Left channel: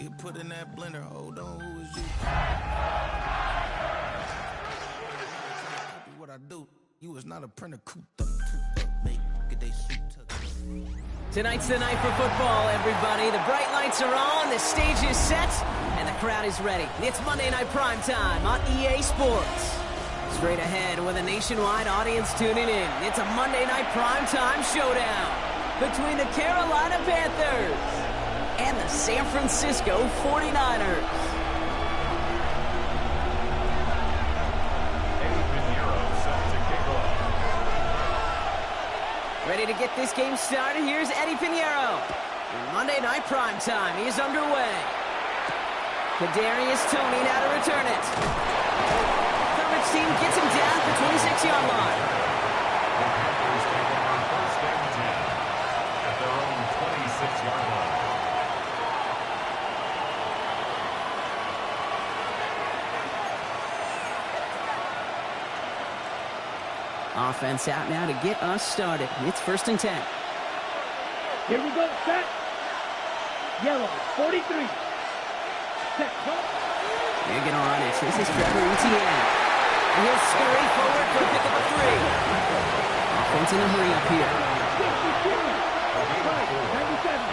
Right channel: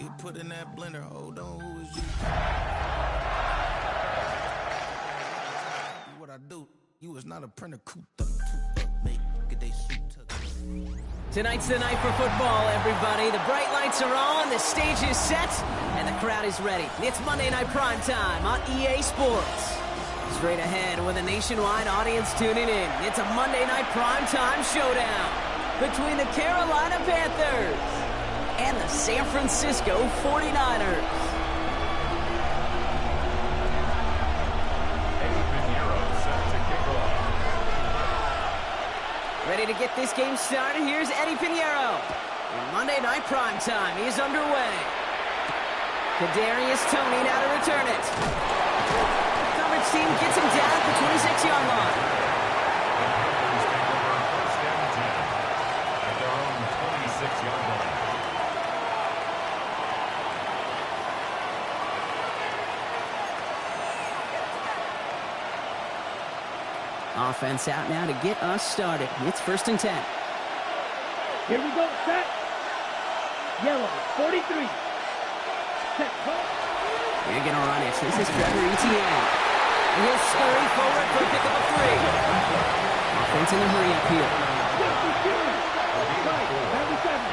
Get put in that blender. Hold on, who is you? What I do? You was not a printer. Cooped up, make get they suit tucked. Tonight's the night for football, everybody. The bright lights are on, the stage is set, and the crowd is ready. It's Monday Night Primetime on EA Sports. Straight ahead with a nationwide audience tuning in. It's a Monday Night Primetime showdown between the Carolina Panthers and the San Francisco 49ers. Ready to get this game started? Here's Eddie Pinheiro. In Monday Night Primetime, he is underway. Kadarius Toney now to return it. Coverage team gets him down at the 26-yard line. The Panthers take over first and 10 at their own 26-yard line. Offense out now to get us started. It's first and 10. Here we go, set. Yellow, 43. Set, call. They're going to run it. This is Trevor Etienne. And he'll scurry forward for a pickup of 3. Offense in a hurry up here.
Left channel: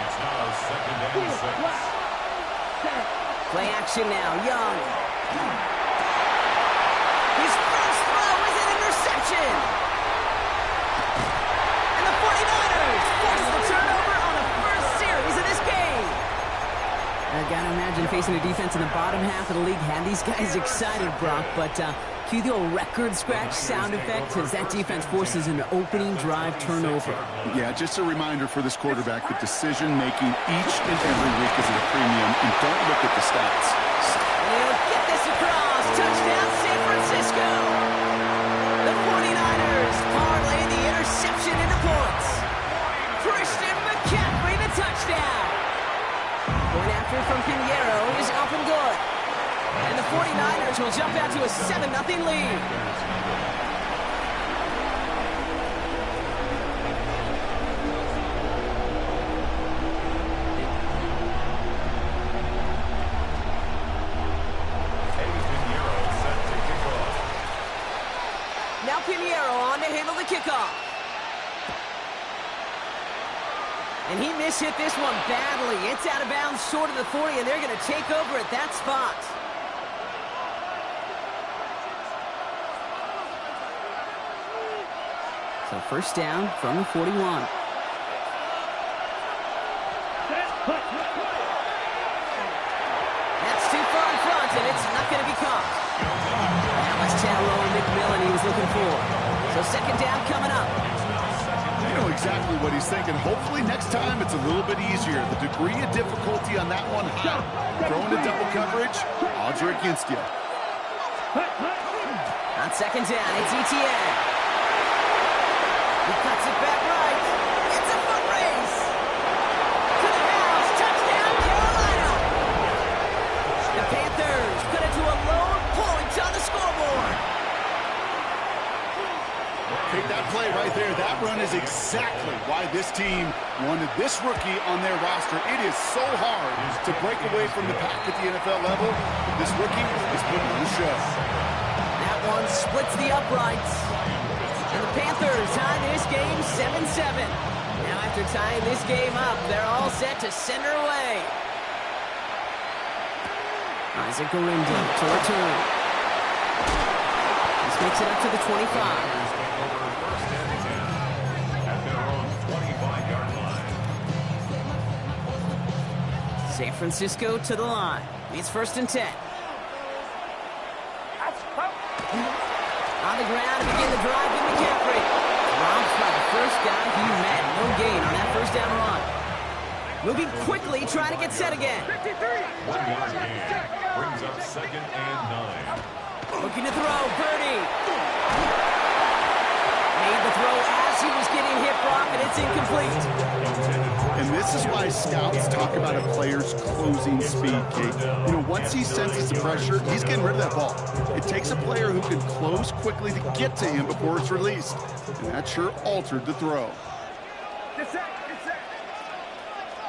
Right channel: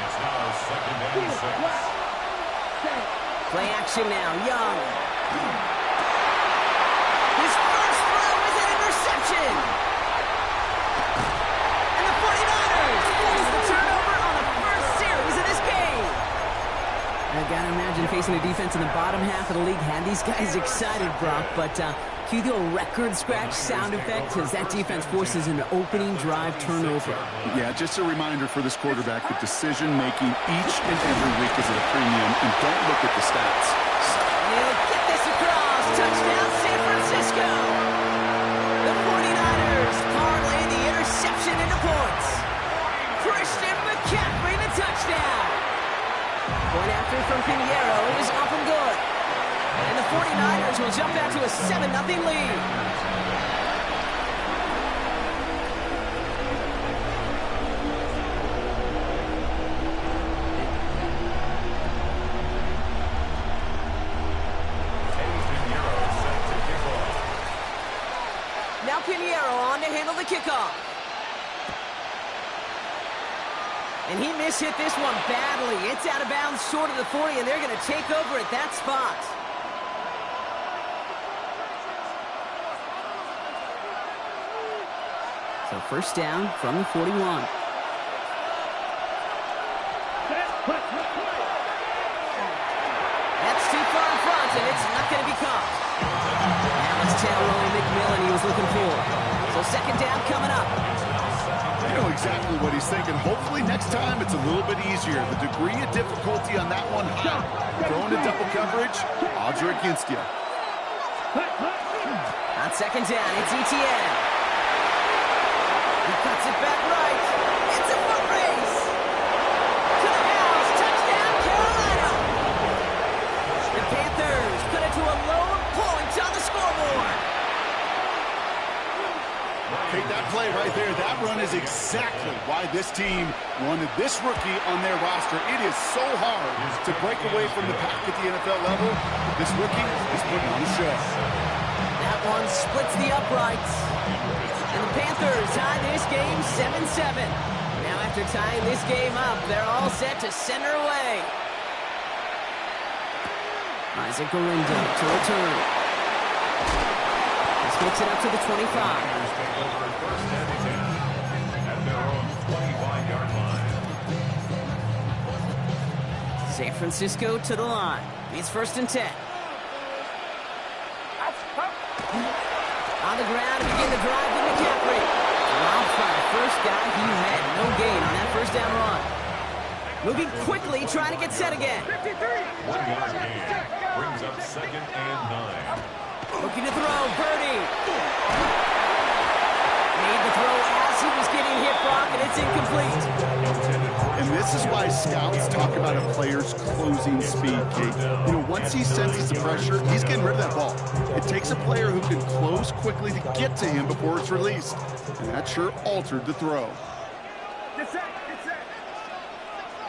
It's now second and 6. Play action now. Young. His first throw is an interception. And the 49ers force the turnover on the first series of this game. I gotta imagine facing a defense in the bottom half of the league had these guys excited, Brock, but cue the old record scratch sound effect as that defense forces an opening drive turnover. Yeah, just a reminder for this quarterback that decision-making each and every week is at a premium, and don't look at the stats. And he'll get this across. Touchdown, San Francisco. The 49ers parlay the interception into points. Christian McCaffrey, the touchdown. Point after from Pinheiro is up and good. And the 49ers will jump out to a 7-0 lead. Now Pinheiro on to handle the kickoff. And he mishit this one badly. It's out of bounds short of the 40, and they're going to take over at that spot. So first down from the 41. That's too far in front, and it's not going to be caught. That was Tyrone McMillan he was looking for. So second down coming up. You know exactly what he's thinking. Hopefully next time it's a little bit easier. The degree of difficulty on that one, throwing to double coverage, odds are against you. On second down, it's Etienne. He cuts it back right. It's a foot race. To the house. Touchdown, Carolina. The Panthers cut it to a lone point on the scoreboard. Take that play right there. That run is exactly why this team wanted this rookie on their roster. It is so hard to break away from the pack at the NFL level. But this rookie is putting on a show. That one splits the uprights. And the Panthers tie this game 7-7. Now after tying this game up, they're all set to send her away. Isaac Orindo to return. This makes it up to the 25. Panthers take over first and 10 at their own 25-yard line. San Francisco to the line. It's first and 10. On the ground to begin the drive to McCaffrey. Dropped by the first guy he met. No gain on that first down run. Moving quickly, trying to get set again. 1-yard gain brings up second and 9. Looking to throw, Birdie. Made the throw as he was getting hit, Brock, and it's incomplete. And this is why scouts talk about a player's closing speed, Kate. You know, once he senses the pressure, he's getting rid of that ball. It takes a player who can close quickly to get to him before it's released. And that sure altered the throw. Get set, get set.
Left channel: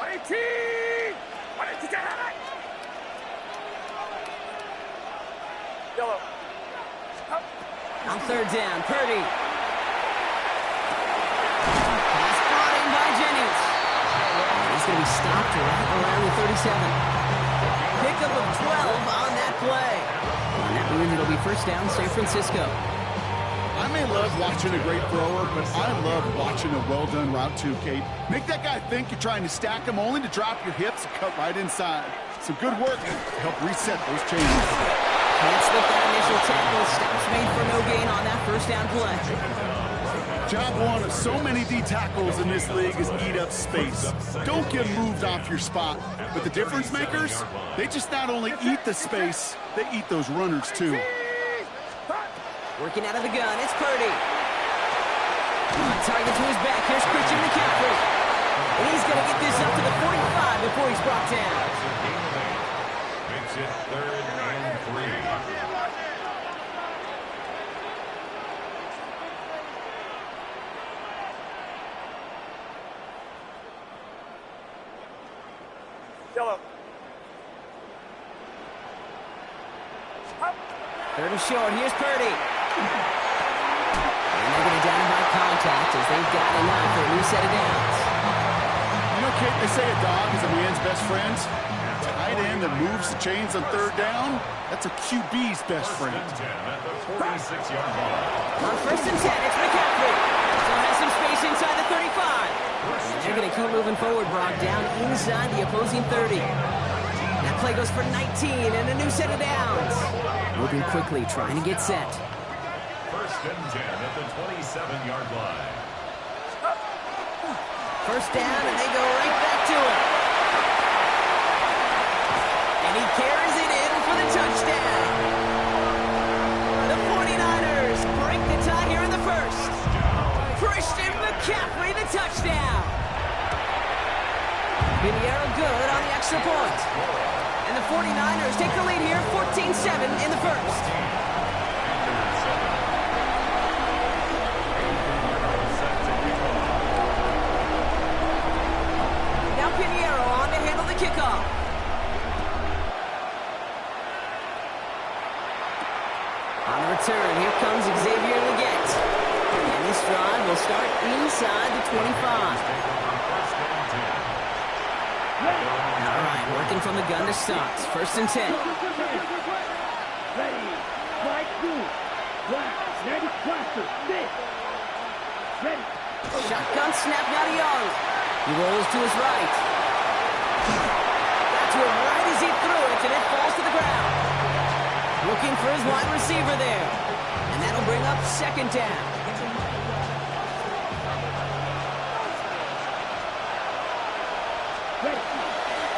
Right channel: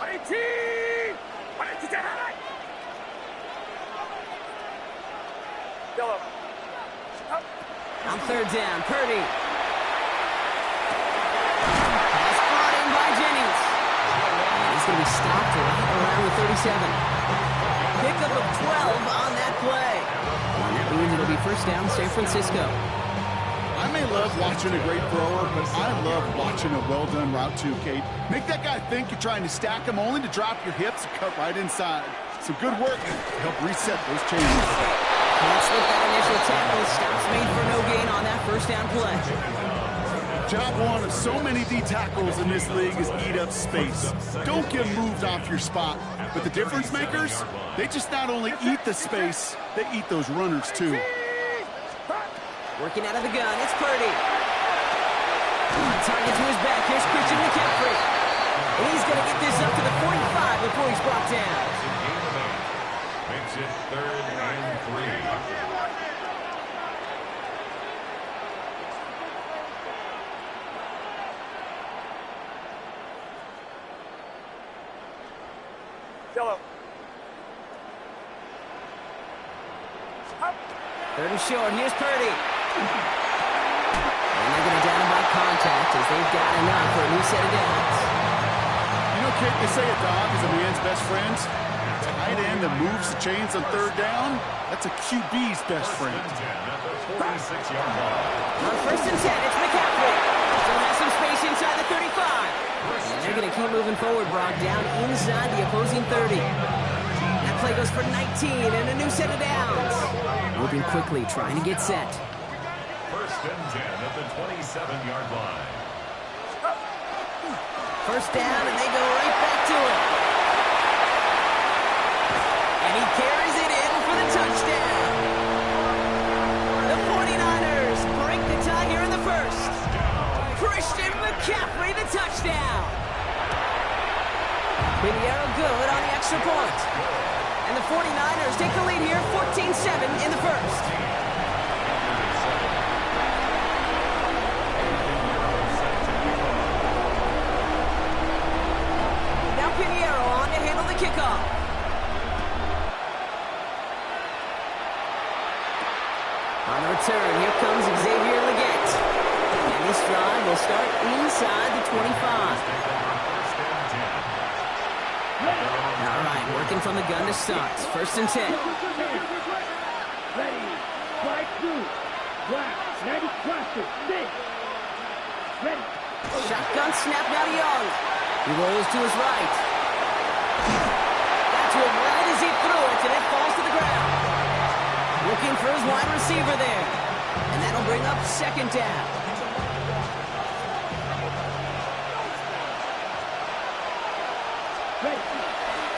18! On third down, Purdy. Pass brought in by Jennings. And he's going to be stopped right around the 37. Pickup of 12 on that play. And that means it'll be first down, San Francisco. I may love watching a great thrower, but I love watching a well-done route too, Kate. Make that guy think you're trying to stack him only to drop your hips and cut right inside. Some good work to help reset those chains. Can't slip that initial tackle. Stops made for no gain on that first down play. Job one of so many D tackles in this league is eat up space. Don't get moved off your spot. But the difference makers, they just not only eat the space, they eat those runners too. Working out of the gun, it's Purdy. On target to his back, here's Christian McCaffrey. And he's going to get this up to the 45 before he's brought down. Gain of 8. Makes it 3rd and 3. Third and short, here's Purdy. And they're going to down him by contact as they've got enough for a new set of downs. You know, Kate, they say a dog is a man's best friend. A tight end that moves the chains on third down, that's a QB's best friend. At the 46-yard line. On first and 10, it's McCaffrey. Still has some space inside the 35. And they're going to keep moving forward, Brock, down inside the opposing 30. That play goes for 19 and a new set of downs. Moving quickly, trying to get set. First and 10 at the 27-yard line. First down, and they go right back to it. And he carries it in for the touchdown. The 49ers break the tie here in the first. Christian McCaffrey, the touchdown. Pinheiro good on the extra point. And the 49ers take the lead here, 14-7 in the first. Now Pinheiro on to handle the kickoff. On the return, here comes Xavier Legette. And this drive will start inside the 25. All right, working from the gun to start. First and 10. Ready. Strike two. Black. 90 cluster. Six. Ready. Shotgun snap now to Young. He rolls to his right. Got to him right as he threw it, and it falls to the ground. Looking for his wide receiver there. And that'll bring up second down. Ready.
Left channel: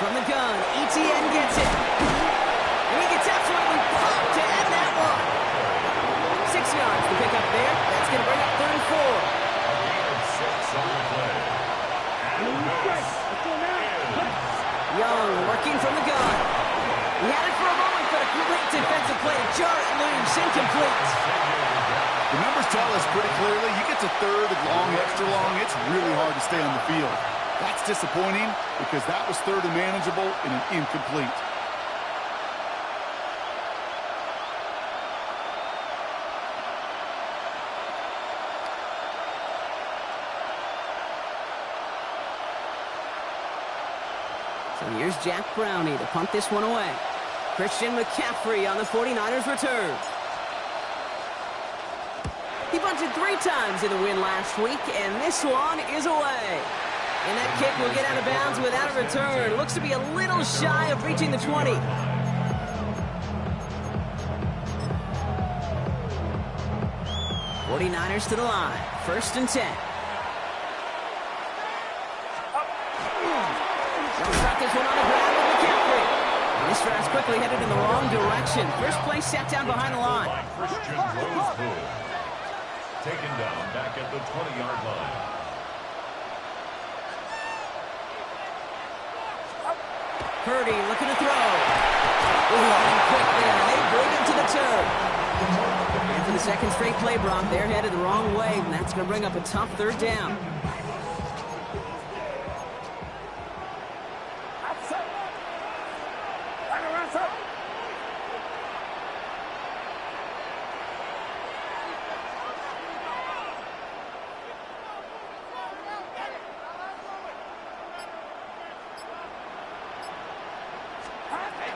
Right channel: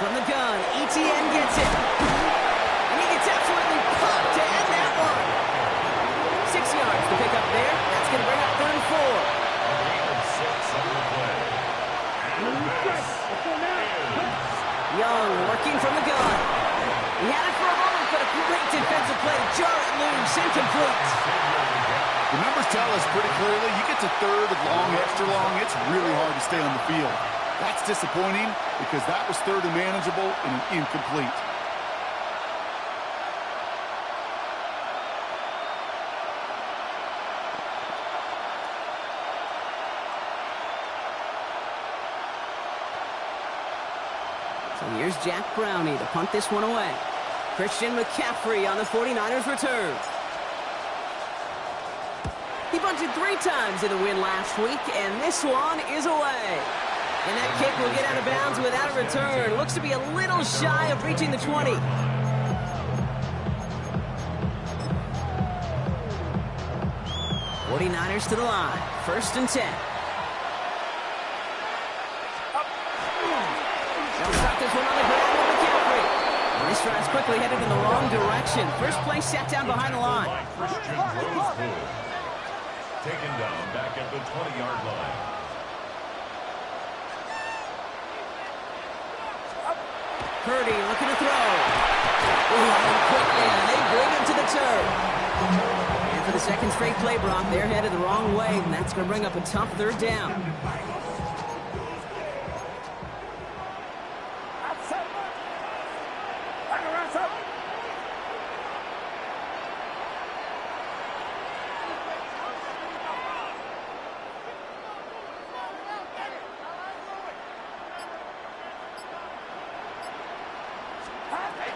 From the gun, ETN gets it. And he gets absolutely popped to end that one. 6 yards to pick up there. That's going to bring up 3rd and 4. A gain of 6 on the play. And this Let's go now. Young working from the gun. He had it for a moment, but a great defensive play to jar it loose, incomplete. The numbers tell us pretty clearly, you get to third and long, extra long, it's really hard to stay on the field. That's disappointing because that was third and manageable and an incomplete. So here's Jack Brownie to punt this one away. Christian McCaffrey on the 49ers return. He bunted 3 times in the win last week, and this one is away. And that kick will get out of bounds without a return. Looks to be a little shy of reaching the 20. '49ers to the line. First and 10. They'll start this one on the ground with McCaffrey. And this drive's quickly headed in the wrong direction. First play sat down behind the line. Christian Roseboom. Taken down back at the 20-yard line. Purdy looking to throw. And quick there. They bring him to the turf. And for the second straight play, Brock, they're headed the wrong way, and that's going to bring up a tough 3rd down.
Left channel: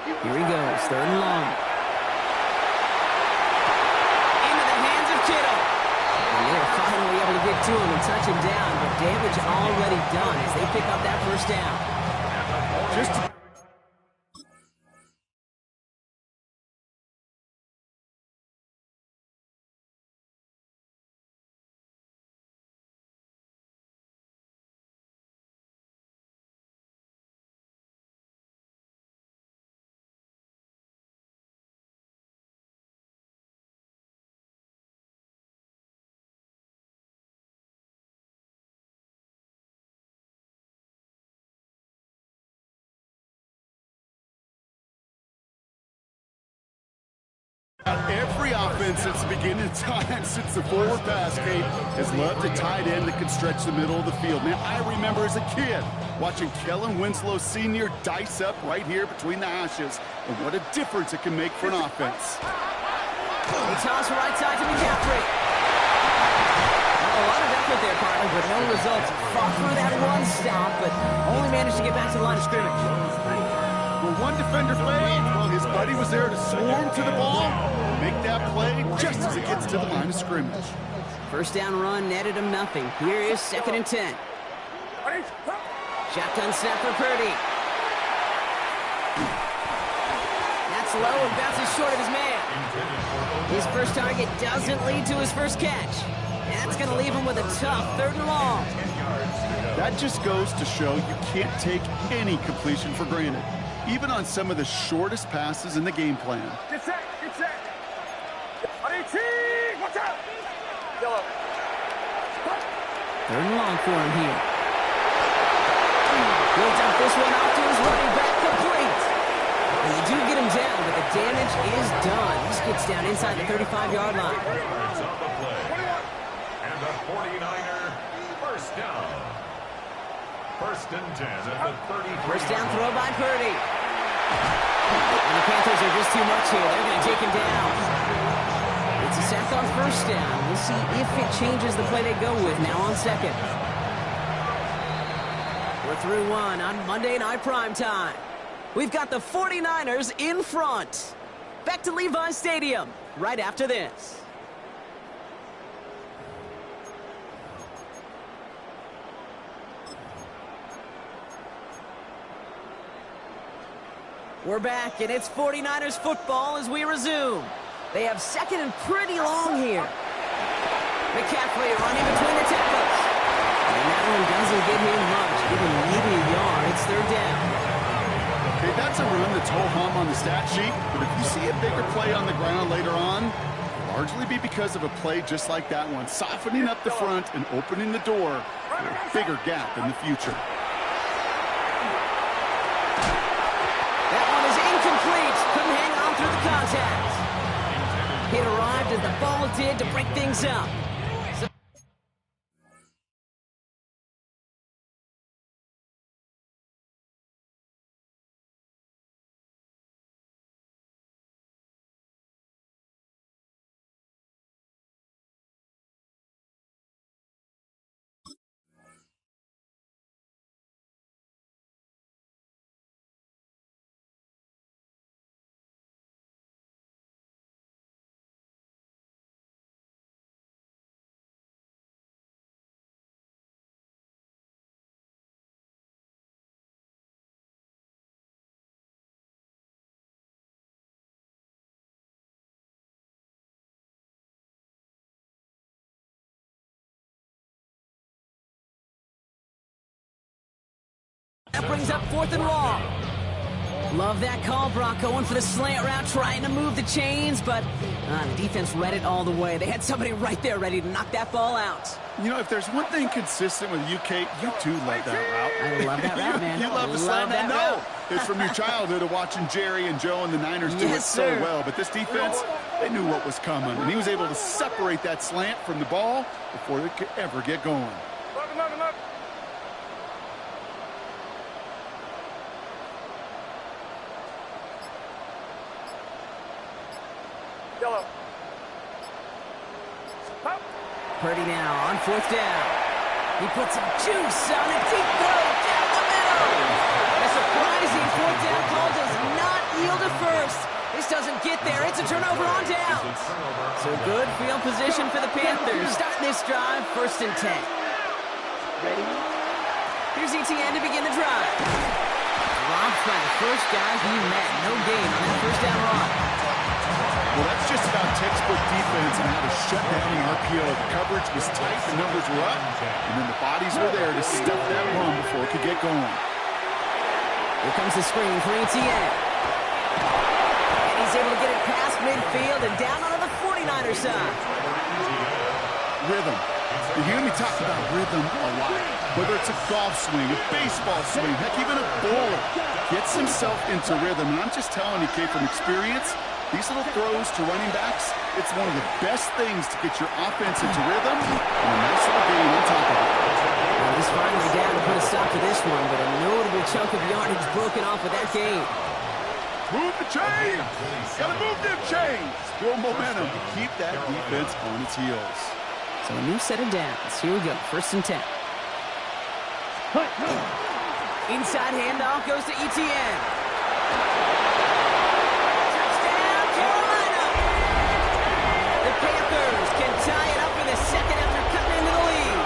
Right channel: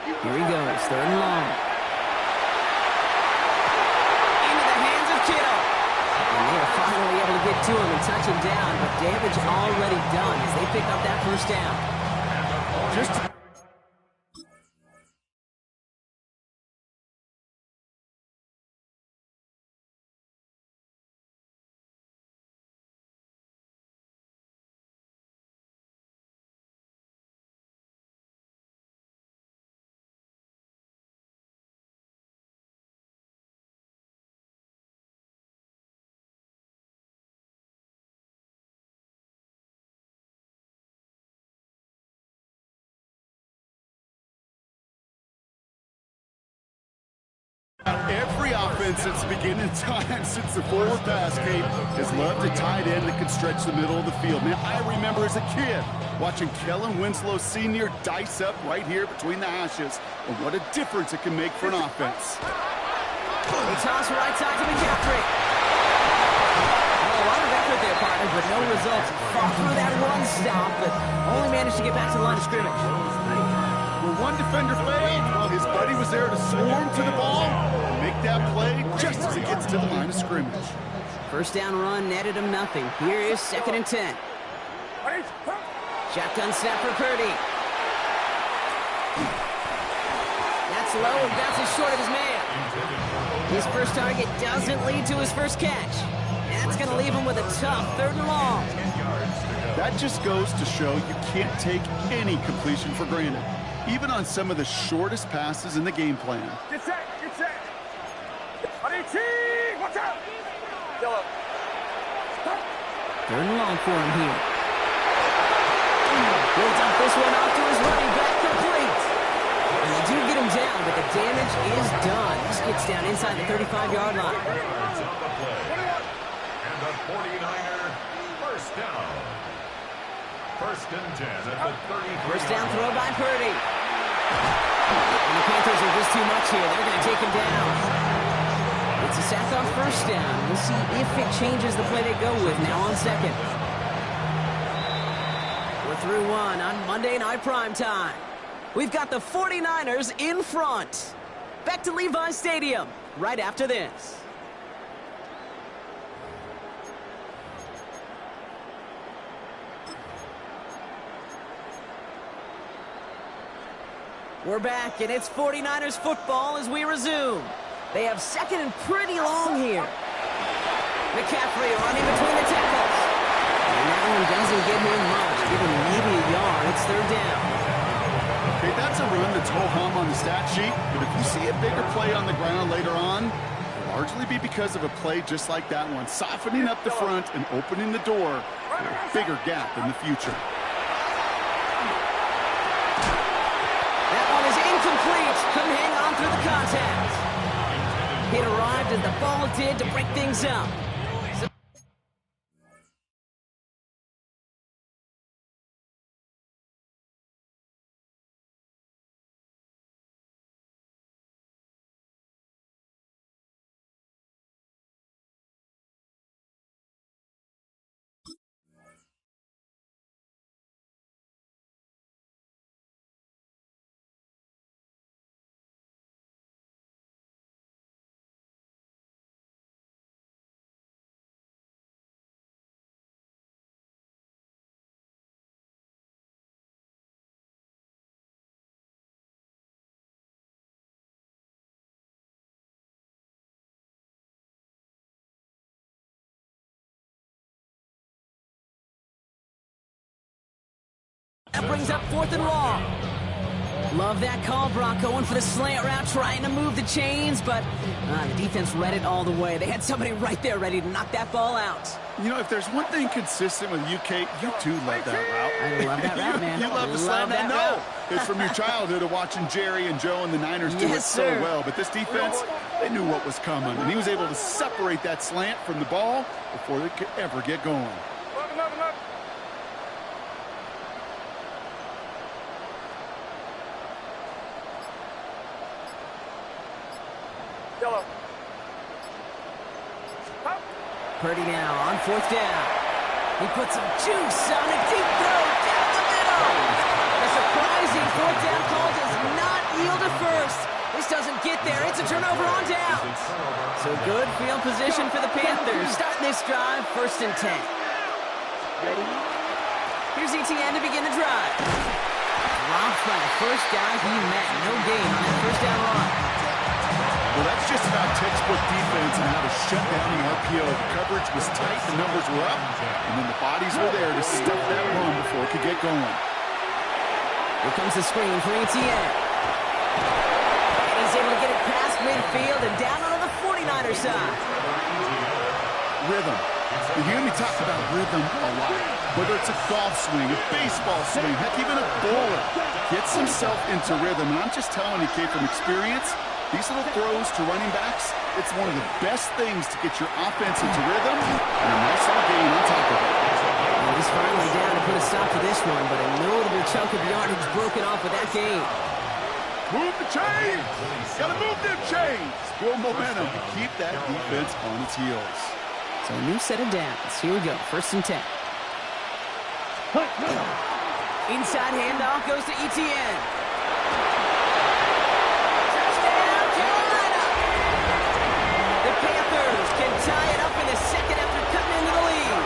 Here he goes, 3rd and long. Into the hands of Kittle. And they are finally able to get to him and touch him down, but damage already done as they pick up that 1st down. Just every offense since the beginning of time, since the forward pass, Kate, has loved a tight end that can stretch the middle of the field. Man, I remember as a kid watching Kellen Winslow Sr. dice up right here between the hashes, and what a difference it can make for an offense. They toss right side to McCaffrey. Well, a lot of effort there, partner, but no results. Fought through that one stop, but only managed to get back to the line of scrimmage. Well, one defender failed. Well, his buddy was there to swarm to the ball and make that play just as it gets to the line of scrimmage. 1st down run netted him nothing. Here is 2nd and 10. Shotgun snap for Purdy. That's low and bounces short of his man. His first target doesn't lead to his first catch. And that's going to leave him with a tough 3rd and long. That just goes to show you can't take any completion for granted, even on some of the shortest passes in the game plan. Get set, get set. Watch out. Yellow. 3rd and long for him here. He'll dump this one off to his running back, complete. And they do get him down, but the damage is done. He gets down inside the 35-yard line. Yards on the play. And the 49er 1st down. 1st and 10 at the 33. 1st down throw by Purdy. And the Panthers are just too much here. They're going to take him down. It's a sack on 1st down. We'll see if it changes the play they go with now on 2nd. We're through 1 on Monday Night Primetime. We've got the 49ers in front. Back to Levi's Stadium right after this. We're back, and it's 49ers football as we resume. They have 2nd and pretty long here. McCaffrey running between the tackles. And that one doesn't get him much. Give him maybe a yard. It's 3rd down. Okay, that's a run that's ho-hum on the stat sheet, but if you see a bigger play on the ground later on, it'll largely be because of a play just like that one, softening up the front and opening the door for a bigger gap in the future. That one is incomplete. Couldn't hang on through the contact. It arrived as the ball did to break things up. That brings up 4th and long. Love that call, Brock, going for the slant route, trying to move the chains, but the defense read it all the way. They had somebody right there ready to knock that ball out. You know, if there's one thing consistent with you, Kate, you do love that route. I love that route, man. You love the slant. I know. It's from your childhood of watching Jerry and Joe and the Niners do it so well. But this defense, they knew what was coming, and he was able to separate that slant from the ball before they could ever get going. Yellow. Purdy now on 4th down. He puts some juice on a deep throw down the middle. The surprising fourth down call does not yield a first. This doesn't get there. It's a turnover on downs. So good field position for the Panthers. Starting this drive, 1st and 10. Ready? Here's ETN to begin the drive. Dropped by the first guy he met. No gain on that first down run. Well, that's just about textbook defense and how to shut down the RPO. The coverage was tight, the numbers were up, and then the bodies were there to stuff that run before it could get going. Here comes the screen for ETN. And he's able to get it past midfield and down onto the 49er side. Rhythm. You hear me talk about rhythm a lot. Whether it's a golf swing, a baseball swing, heck, even a bowler gets himself into rhythm. And I'm just telling you, Kate, from experience, these little throws to running backs, it's one of the best things to get your offense into rhythm and a nice little gain on top of it. Well, he's finally down to put a stop to this one, but a notable chunk of yardage broken off with that gain. Move the chains! Gotta move them chains! Build momentum to keep that defense on its heels. So a new set of downs. Here we go, 1st and 10. Inside handoff goes to ETN. Touchdown, Carolina! The Panthers can tie it up in the second after cutting into the lead.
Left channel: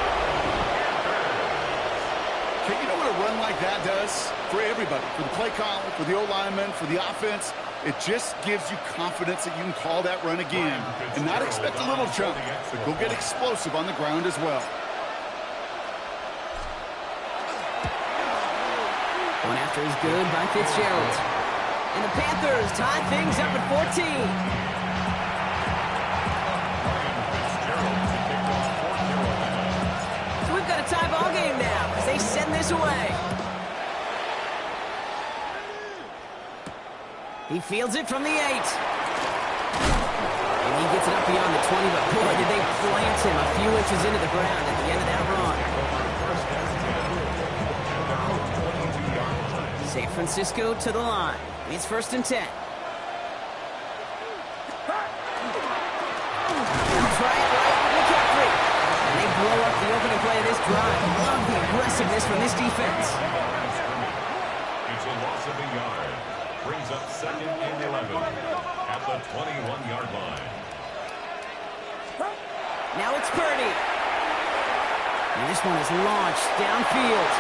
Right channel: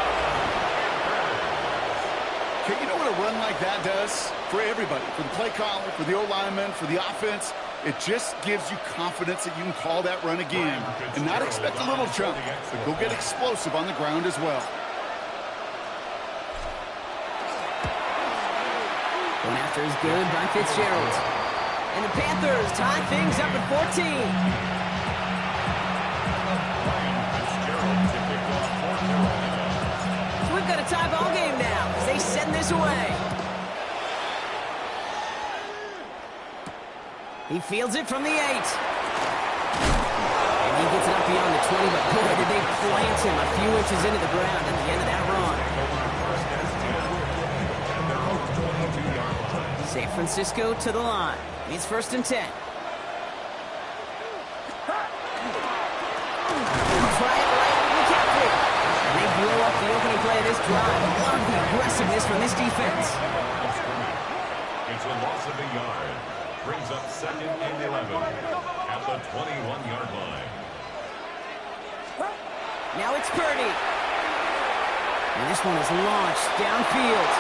Okay, you know what a run like that does? For everybody, for the play caller, for the O-lineman, for the offense, it just gives you confidence that you can call that run again and not expect a little jump, but go get explosive on the ground as well. One after is good by Fitzgerald. And the Panthers tie things up at 14. So we've got a tie ball game now as they send this away. He fields it from the 8. And he gets it up beyond the 20, but boy, did they plant him a few inches into the ground at the end of that run. San Francisco to the line. It's 1st and 10. Try it right with McCaffrey. And they blow up the opening play of this drive. Love the aggressiveness from this defense. It's a loss of a yard. Brings up 2nd and 11 at the 21-yard line. Now it's Purdy. And this one is launched downfield.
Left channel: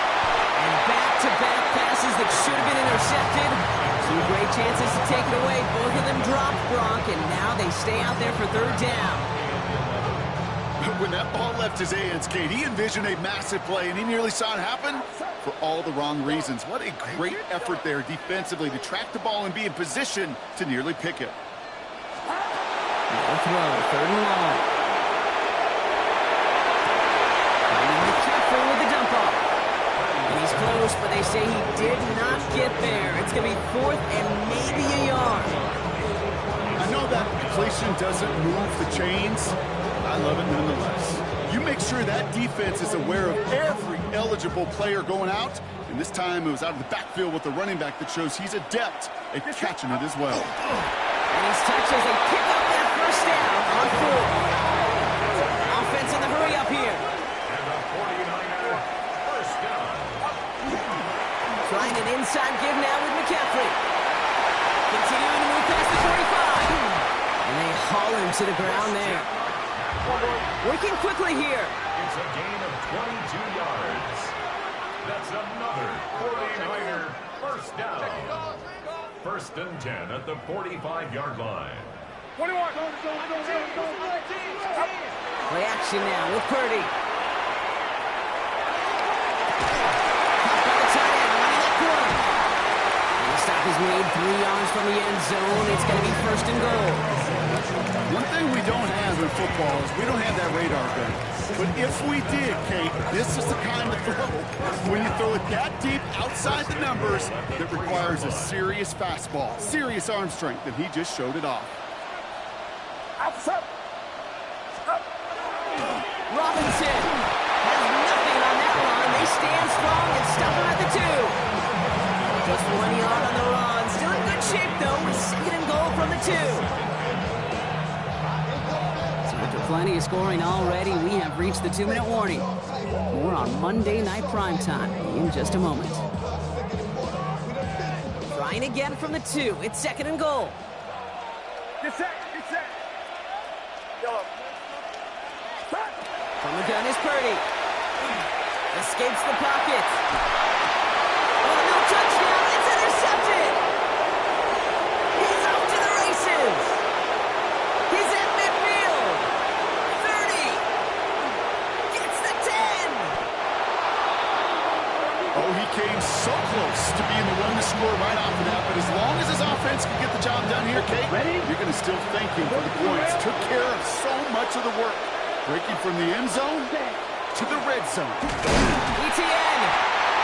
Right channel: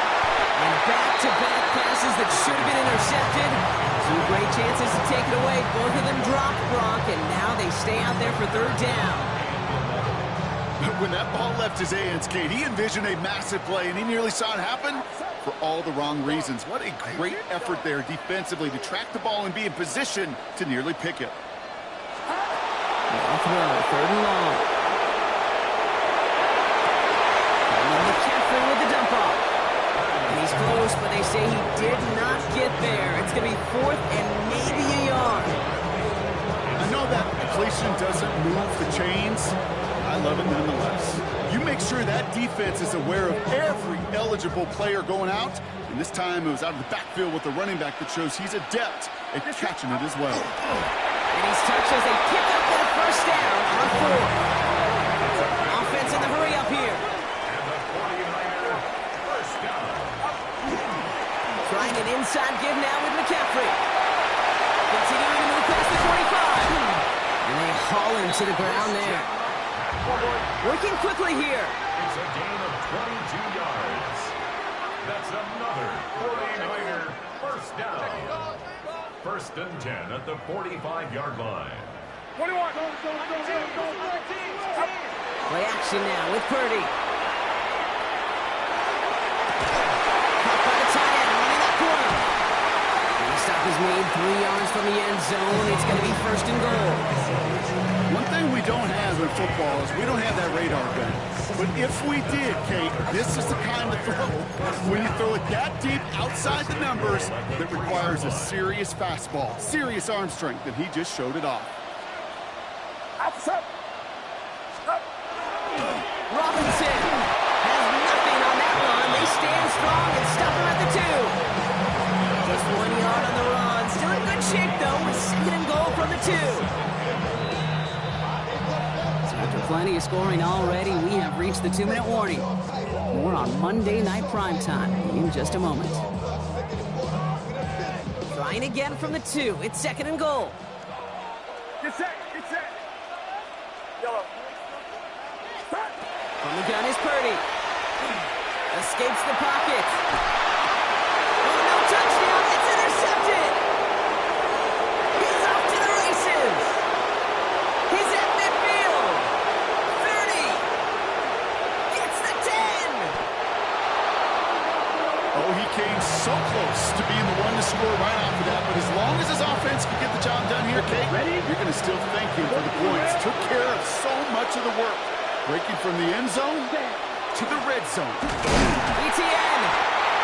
And back-to-back passes that should have been intercepted. 2 great chances to take it away. Both of them dropped, Brock, and now they stay out there for 3rd down. When that ball left his hands, Kate, he envisioned a massive play, and he nearly saw it happen for all the wrong reasons. What a great effort there defensively to track the ball and be in position to nearly pick it. No throw, 3rd and long. Finding McCaffrey with the dump off. And he's close, but they say he did not get there. It's going to be 4th and maybe a yard. I know that completion doesn't move the chains. I love it nonetheless. You make sure that defense is aware of every eligible player going out. And this time it was out of the backfield with the running back that shows he's adept at catching it as well. And he's touched as they pick up that first down on 4. Offense in the hurry up here. And the 49er first down. Trying an inside give now with McCaffrey. Continuing to move past the 45. And they haul him to the ground there. Working quickly here. It's a gain of 22 yards. That's another 49er first down. 1st and 10 at the 45-yard line. 21. Play action now with Purdy. Caught by the tight end, running that corner. And the stop is made 3 yards from the end zone. It's going to be 1st and goal. One thing we don't have in football is we don't have that radar gun. But if we did, Kate, this is the kind of throw when you throw it that deep outside the numbers that requires a serious fastball, serious arm strength, and he just showed it off. Robinson has nothing on that run. They stand strong and stop him at the 2. Just 1 yard on the run. Still in good shape, though, with 2nd and goal from the 2. So after plenty of scoring already, we have reached the 2-minute warning. More on Monday Night Primetime in just a moment. Trying again from the 2. It's 2nd and goal. Get set. Yellow. From the gun is Purdy. Escapes the pocket. Oh, no touchdown. It's intercepted. He's off to the races. He's at midfield. 30. Gets the 10. Oh, he came so close to being the one to score right off of that, but as long as his offense can get the job done here, Kate, you're going to still thank him for the points. Took care of so much of the work. Breaking from the end zone to the red zone. ETN.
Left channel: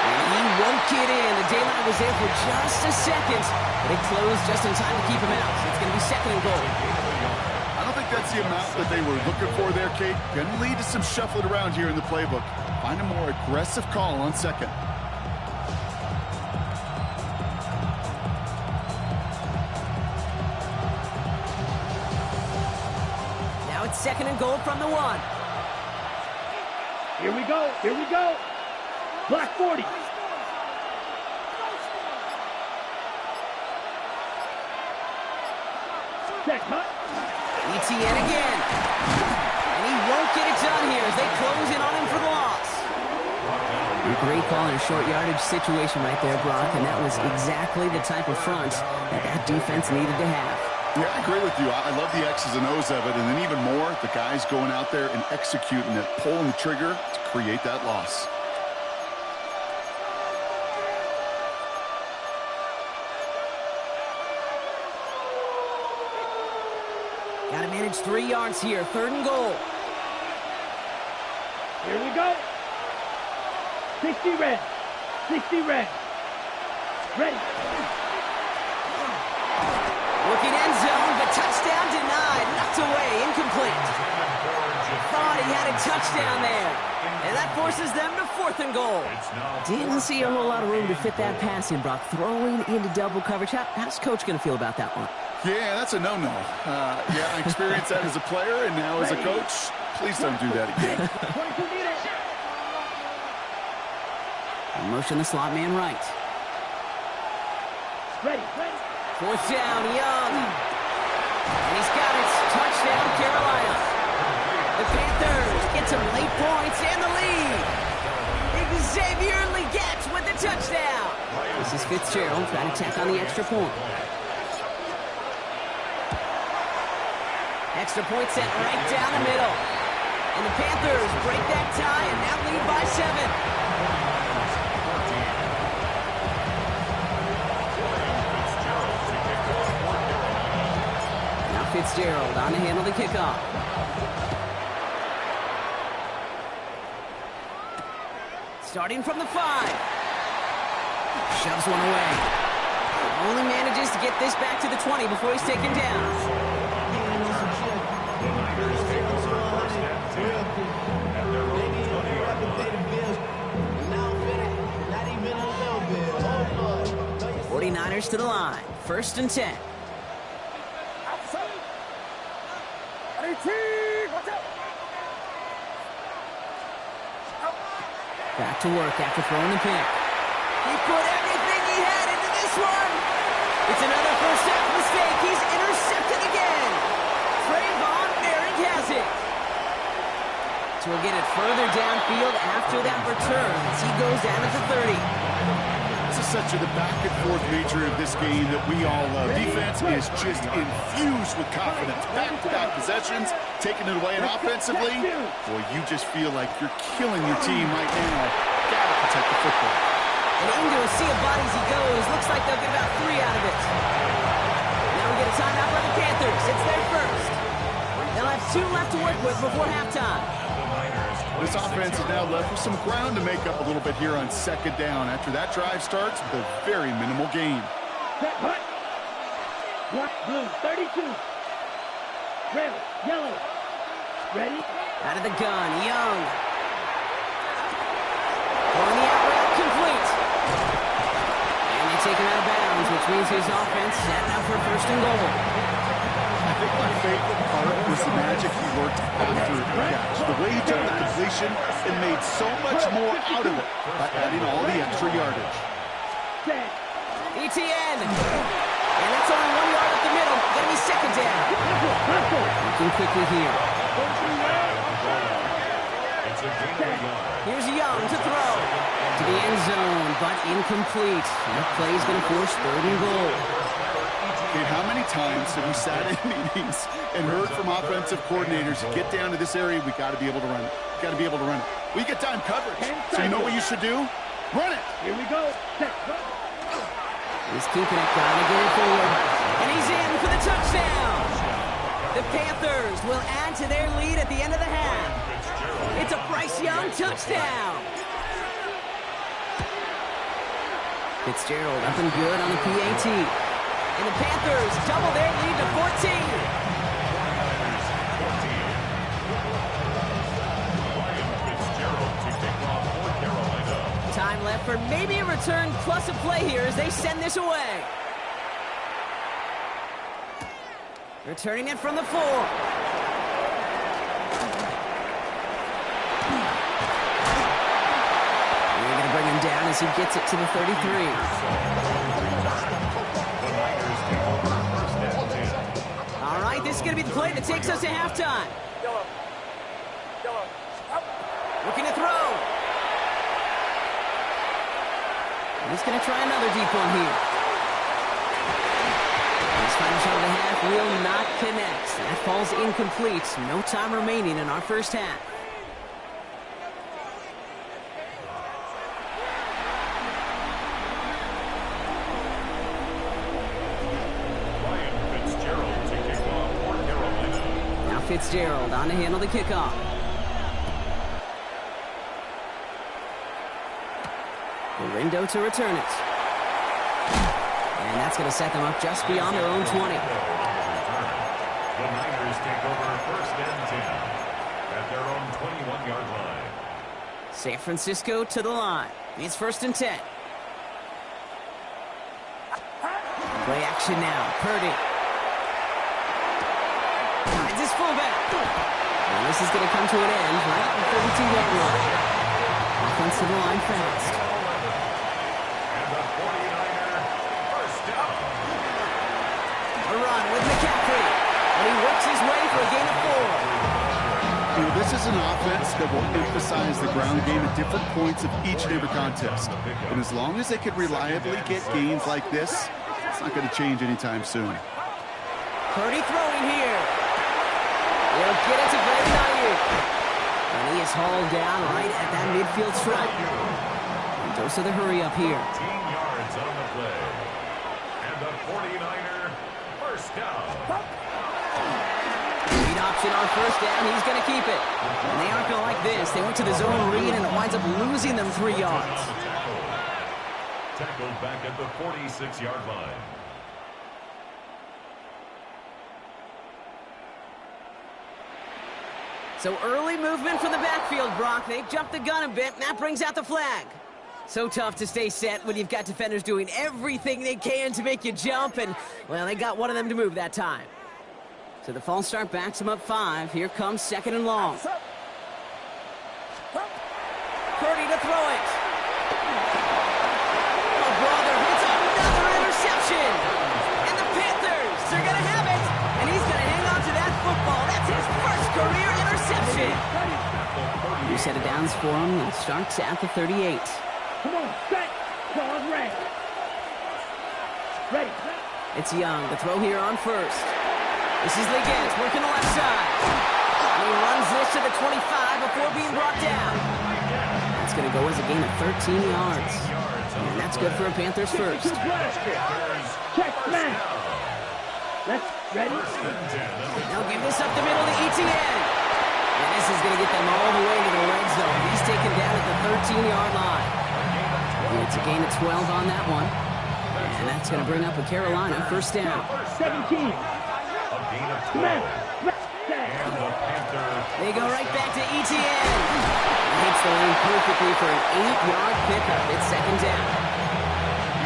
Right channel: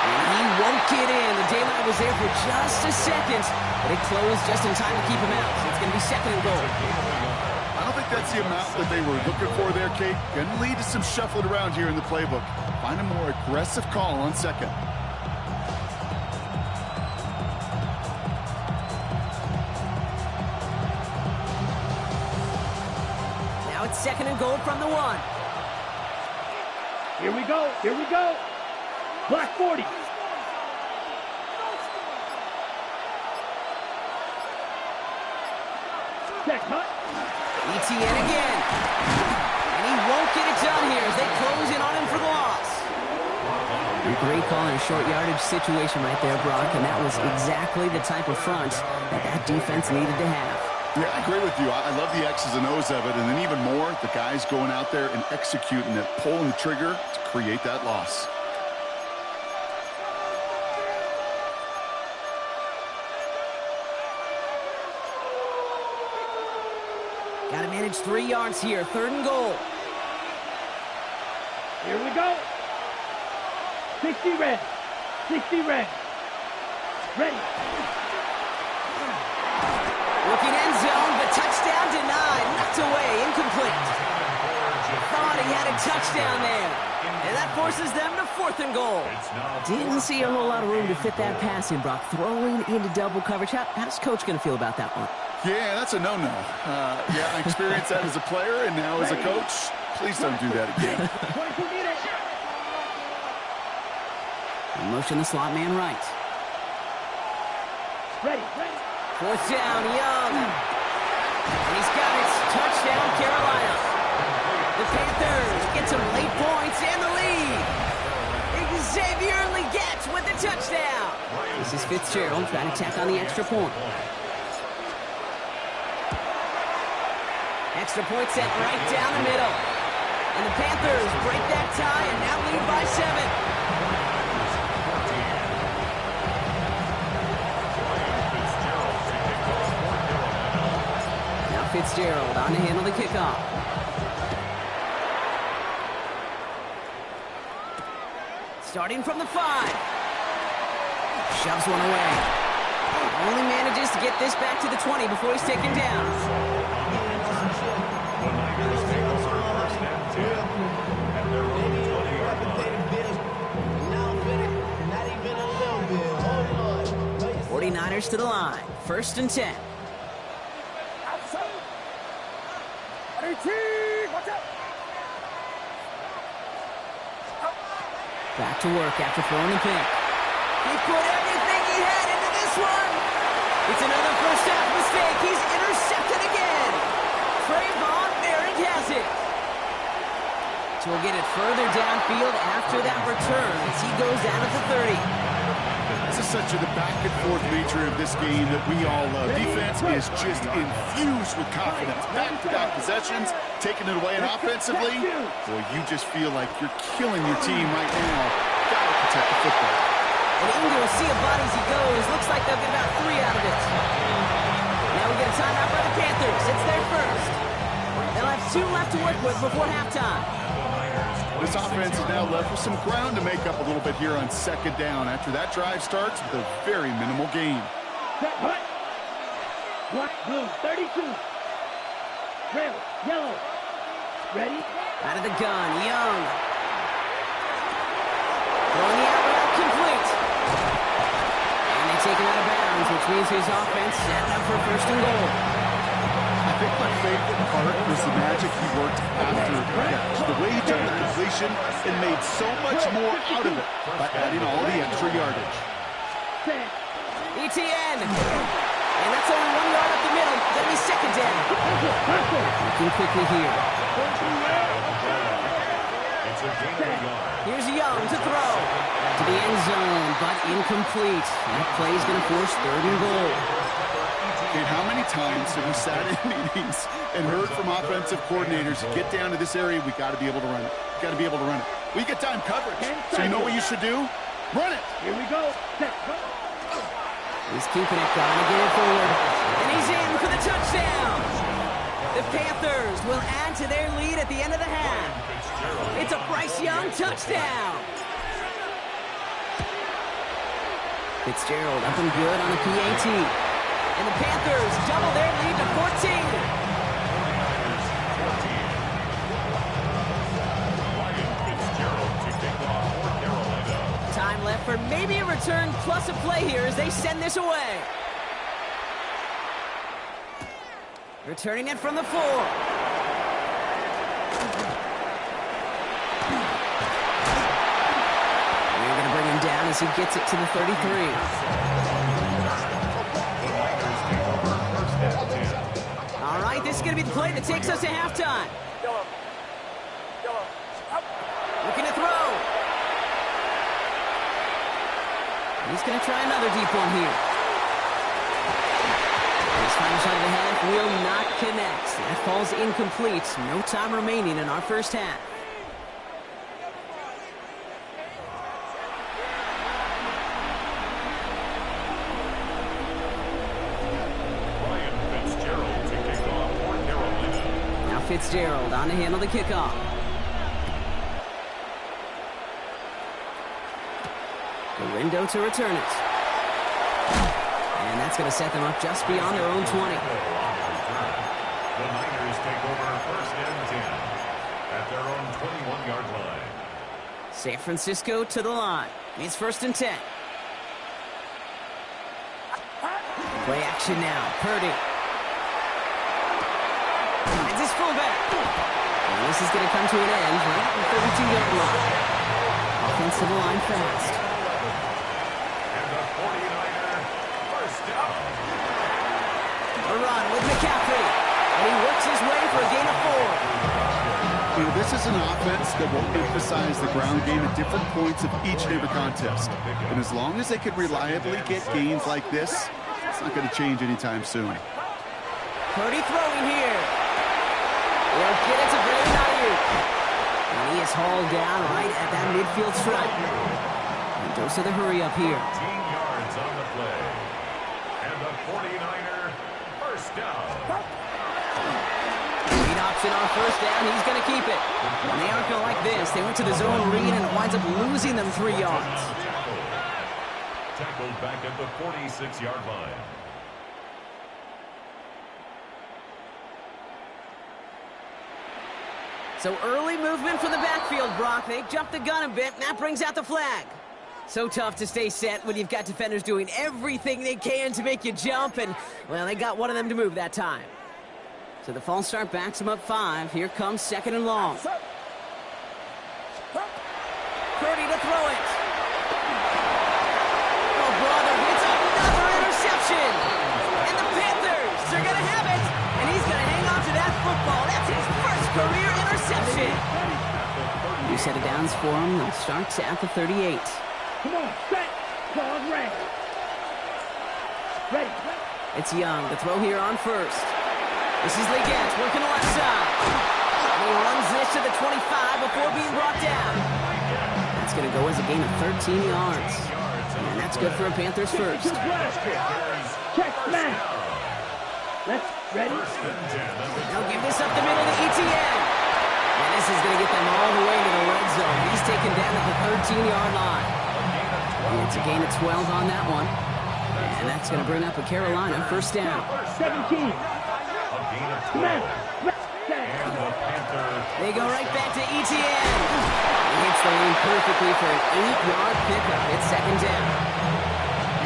And he won't get in. The daylight was there for just a second, but it closed just in time to keep him out. So it's going to be 2nd and goal. I don't think that's the amount that they were looking for there, Kate. Going to lead to some shuffling around here in the playbook. Find a more aggressive call on 2nd. Now it's 2nd and goal from the 1. Here we go. Black 40. Check, cut. ETN again. And he won't get it done here as they close in on him for the loss. A great call in a short yardage situation right there, Brock, and that was exactly the type of front that defense needed to have. Yeah, I agree with you. I love the X's and O's of it, and then even more, the guys going out there and executing it, pulling the trigger to create that loss. Got to manage 3 yards here. 3rd and goal. Here we go. 60 red. Ready. Looking end zone, but touchdown denied. Knocked away, incomplete. Thought he had a touchdown there. And that forces them to 4th and goal. Didn't see a whole lot of room to fit that pass in, Brock. Throwing into double coverage. How's Coach going to feel about that one? Yeah, that's a no-no. Yeah, I experienced that as a player and now as a coach. Please don't do that again. Motion the slot man right. Ready. 4th down, Young. And he's got it. Touchdown, Carolina. The Panthers get some late points and the lead. Xavier Legette with the touchdown. This is Fitzgerald trying to tack on the extra point. Extra point set right down the middle. And the Panthers break that tie and now lead by 7. Fitzgerald on to handle the kickoff. Starting from the 5. Shoves one away. Only manages to get this back to the 20 before he's taken down. The Niners take over 1st and 10 at their own 20-yard line. 49ers to the line. 1st and 10. Back to work after throwing the pick. He put everything he had into this one. It's another first half mistake. He's intercepted again. Trayvon Merrick has it. So we'll get it further downfield after that return as he goes down at the 30. This is such the back-and-forth nature of this game that we all love. Defense is just infused with confidence. Back-to-back possessions, taking it away, and offensively, boy, you just feel like you're killing your team right now. Got to protect the football. And into a sea of bodies he goes. Looks like they'll get about 3 out of it. Now we get a timeout by the Panthers. It's their first. They'll have 2 left to work with before halftime. This offense is now left with some ground to make up a little bit here on 2nd down after that drive starts with a very minimal gain. Black, blue, 32. Red, yellow. Ready? Out of the gun, Young. Throwing the out route complete. And they take him out of bounds, which means his offense setting up for 1st and goal. I think my favorite part was the magic he worked after the catch. The way he took the completion and made so much more out of it by adding all the extra yardage. Etienne. And that's only 1 yard up the middle. Gonna be second down. Looking quickly here. It's a gain of a yard. Here's Young to throw. To the end zone, but incomplete. That play's gonna force 3rd and goal. Okay, how many times have we sat in meetings and heard from offensive coordinators, get down to this area, we got to be able to run it. Got to be able to run it. We get time coverage. So you know what you should do? Run it. Here we go. Set. Go. He's keeping it, trying to get it forward. And he's in for the touchdown. The Panthers will add to their lead at the end of the half. It's a Bryce Young touchdown. Fitzgerald up and good on the PAT. And the Panthers double their lead to 14. 49ers 14. Ryan Fitzgerald to kick off for Carolina. Time left for maybe a return plus a play here as they send this away. Returning it from the 4. We're going to bring him down as he gets it to the 33. The Niners take over 1st and 10. All right, this is going to be the play that takes us to halftime. Looking to throw. And he's going to try another deep one here. His final shot of the half will not connect. That falls incomplete. No time remaining in our first half. Ryan Fitzgerald to kick off for Carolina. Now Fitzgerald on to handle the kickoff. Galindo to return it. And that's going to set them up just beyond their own 20. The Niners take over 1st and 10 at their own 21-yard line. San Francisco to the line. It's 1st and 10. Play action now. Purdy. Finds his fullback. And this is going to come to an end right at the 32-yard line. Offensive line fast. And the 49er first down. A run with McCaffrey. And he works his way for a gain of 4. You know, this is an offense that will emphasize the ground game at different points of each and every contest. And as long as they can reliably get gains like this, it's not going to change anytime soon. Purdy throwing here. He'll get it to Brandon Ayuk. And he is hauled down right at that midfield stripe. And dose of the hurry up here. 15 yards on the play. And the 49er first down. Read option on first down. He's going to keep it. And they aren't going to like this. They went to the zone read, and it winds up losing them 3 yards. Tackled back at the 46-yard line. So early movement from the backfield, Brock. They jumped the gun a bit, and that brings out the flag. So tough to stay set when you've got defenders doing everything they can to make you jump, and, well, they got one of them to move that time. So the false start backs them up 5. Here comes 2nd and long. Purdy to throw it. Oh, brother, it's another interception. And the Panthers are going to have it. And he's going to hang on to that football. That's his first career interception. New set of downs for him. That starts at the 38. Come on, set. Ball is ready. Ready. It's Young to throw here on first. This is Leggett working the left side. And he runs this to the 25 before being brought down. That's going to go as a gain of 13 yards. And that's good for a Panthers first. Check, man. Let's ready. They'll give this up the middle to Etienne. And this is going to get them all the way to the red zone. He's taken down at the 13-yard line. And it's a gain of 12 on that one. And that's going to bring up a Carolina first down. 17. Man. They go right back to Etienne. He hits the lane perfectly for an 8-yard pickup. It's 2nd down.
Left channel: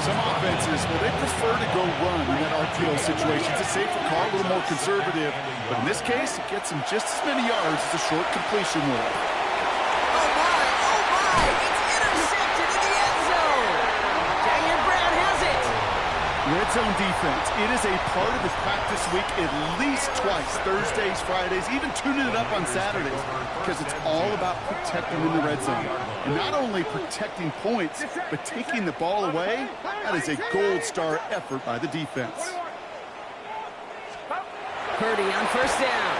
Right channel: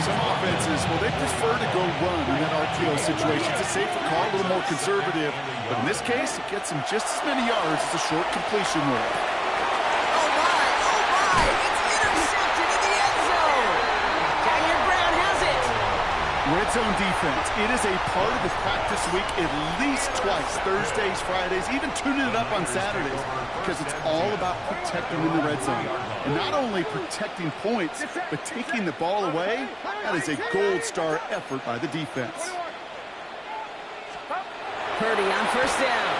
Some offenses, well, they prefer to go run in that RPO situation. It's a safer call, a little more conservative. But in this case, it gets him just as many yards as a short completion would. Oh, my. It's intercepted in the end zone. Jahir Brown has it. red zone defense. It is a part of the practice week at least twice, Thursdays, Fridays, even tuning it up on Saturdays, because it's all about protecting in the red zone. And not only protecting points, but taking the ball away. That is a gold star effort by the defense. Purdy on first down.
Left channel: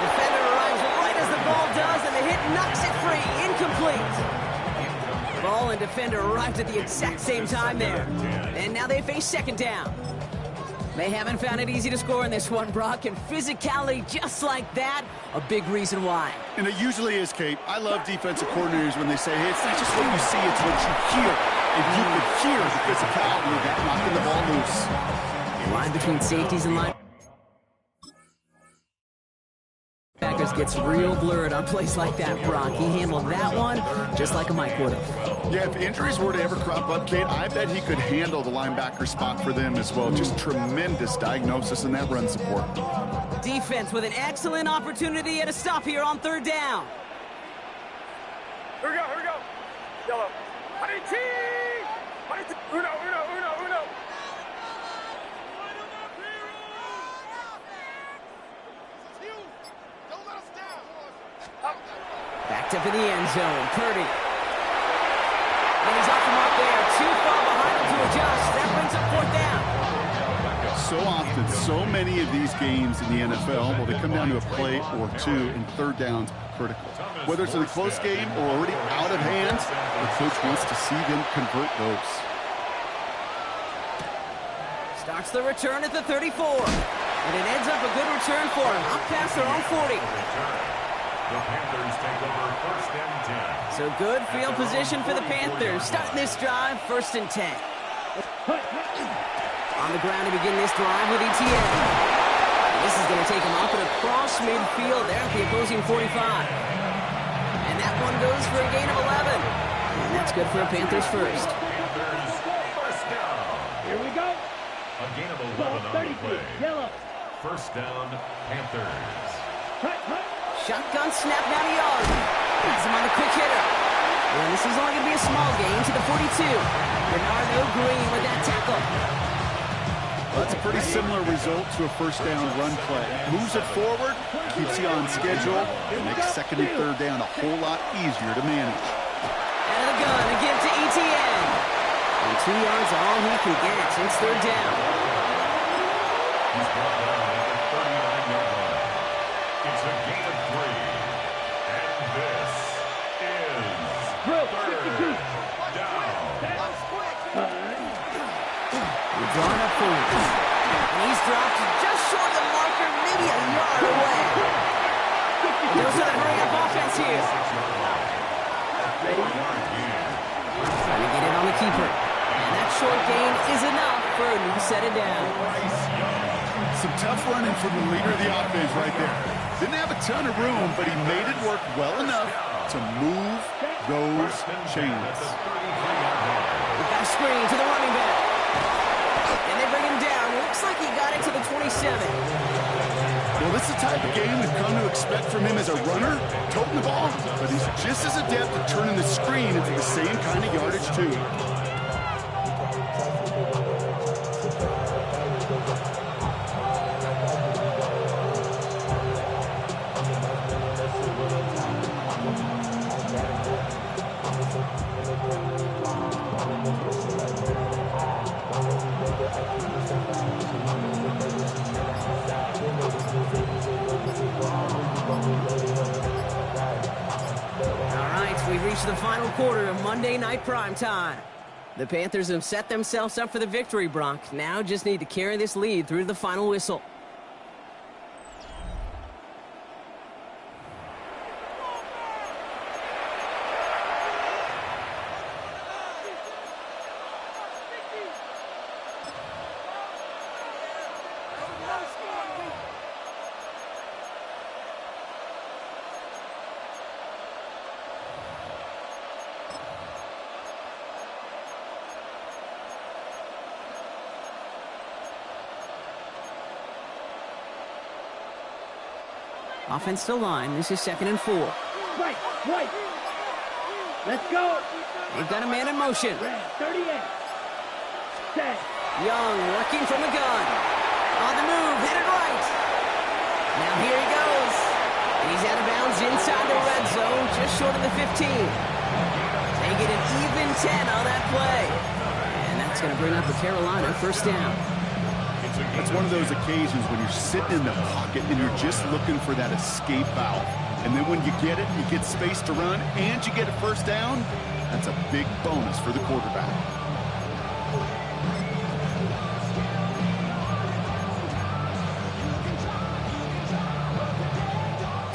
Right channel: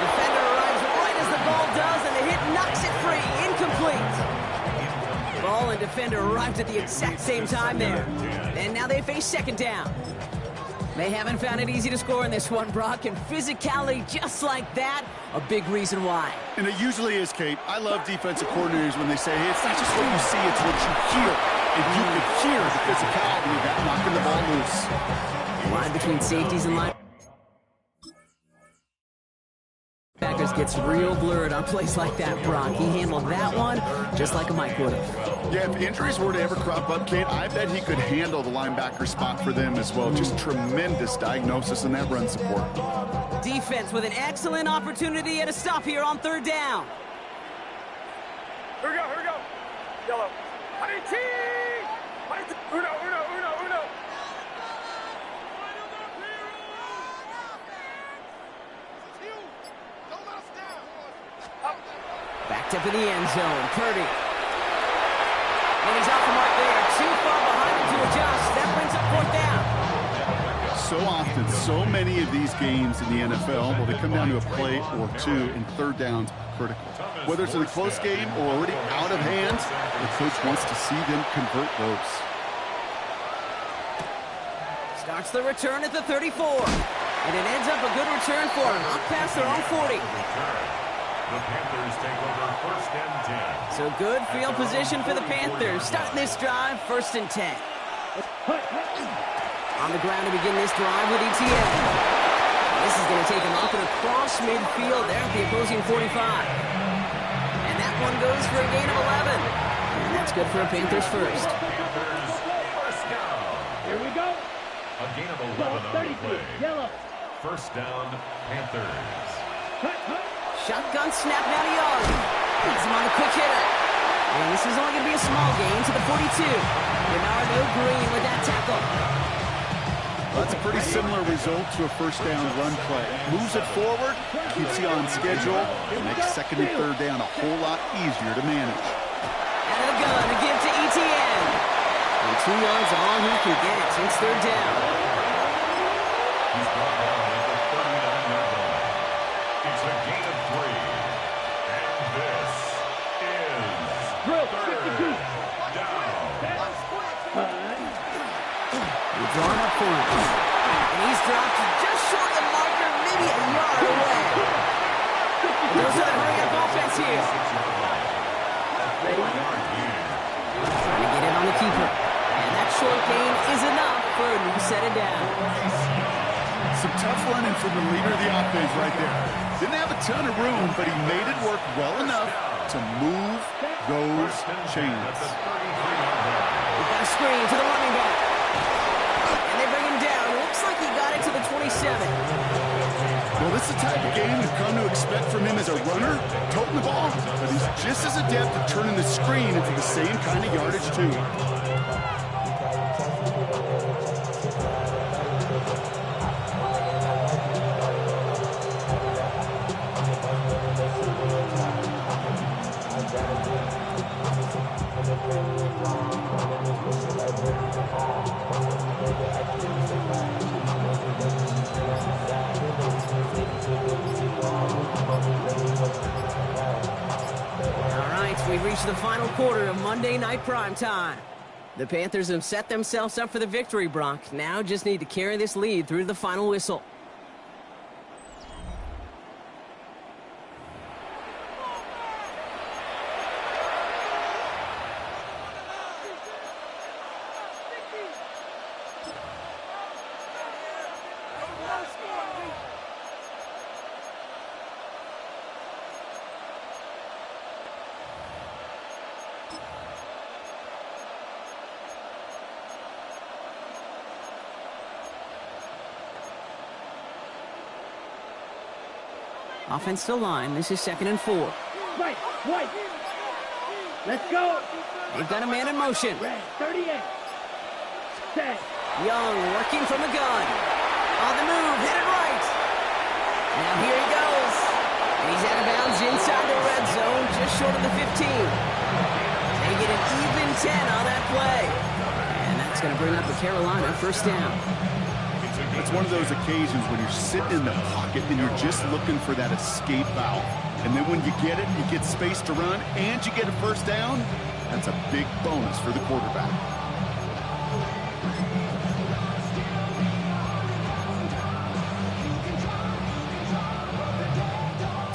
Defender arrives right as the ball does, and the hit knocks it free. Incomplete. Ball and defender arrived at the exact same time there. And now they face second down. They haven't found it easy to score in this one, Brock, and physicality just like that, a big reason why. And it usually is, Kate. I love defensive coordinators when they say, hey, it's not just what you see, it's what you hear. And you can hear the physicality of that knocking the ball loose. Line between safeties and line. Packers gets real blurred on plays like that, Brock. He handled that one just like a Mike would have. Yeah, if injuries were to ever crop up, Kate, I bet he could handle the linebacker spot for them as well. Just tremendous diagnosis in that run support. Defense with an excellent opportunity at a stop here on third down. Here we go. Yellow. Uno. Backed up in the end zone, Purdy. And he's off the mark there. Too far behind him to adjust. That brings up fourth down. So often, so many of these games in the NFL, well, they come down to a play or two, and third downs are critical. Whether it's in a close game or already out of hands, the coach wants to see them convert those. Starts the return at the 34. And it ends up a good return for him. Up past their own 40. The Panthers take over first and 10. So good field position for the Panthers. Starting this drive, first and 10. On the ground to begin this drive with ETN. And this is going to take him up and across midfield there at the opposing 45. And that one goes for a gain of 11. And that's good for a Panthers first. Panthers first down. Here we go. A gain of 11 on the play. Yellow. First down, Panthers. Shotgun snap down a yard. Has him on the quick hitter. And this is only going to be a small gain to the 42. Bernardo Green with that tackle. Well, that's a pretty similar result to a first down run play. Moves it forward, keeps you on schedule, and makes second and third down a whole lot easier to manage. Out of the gun, a give to ETN. And 2 yards all he can get. It's third down. He's brought down at the 39-yard line. It's a gain of 3. And this is third down. He's drawn up for it. And he's dropped just short of the marker, maybe a yard away. Those are the hurry-up offense here. Trying to get in on the keeper. And that short gain is enough for a new set of down. Some tough running from the leader of the offense right there. Didn't have a ton of room, but he made it work well enough to move those chains. We've got a screen to the running back. And they bring him down. Looks like he got it to the 27. Well, this is the type of game we've come to expect from him as a runner, toting the ball. But he's just as adept at turning the screen into the same kind of yardage, too. All right, we've reached the final quarter of Monday Night Primetime. The Panthers have set themselves up for the victory, Brock. Now just need to carry this lead through to the final whistle. Offense to line. This is 2nd and 4. Right. Let's go. They've got a man in motion. Red, 38. Set. Young working from the gun. On the move, headed right. Now here he goes. And he's out of bounds inside the red zone, just short of the 15. They get an even 10 on that play. And that's going to bring up a Carolina first down. It's one of those occasions when you're sitting in the pocket and you're just looking for that escape valve. And then when you get it, you get space to run, and you get a first down. That's a big bonus for the quarterback.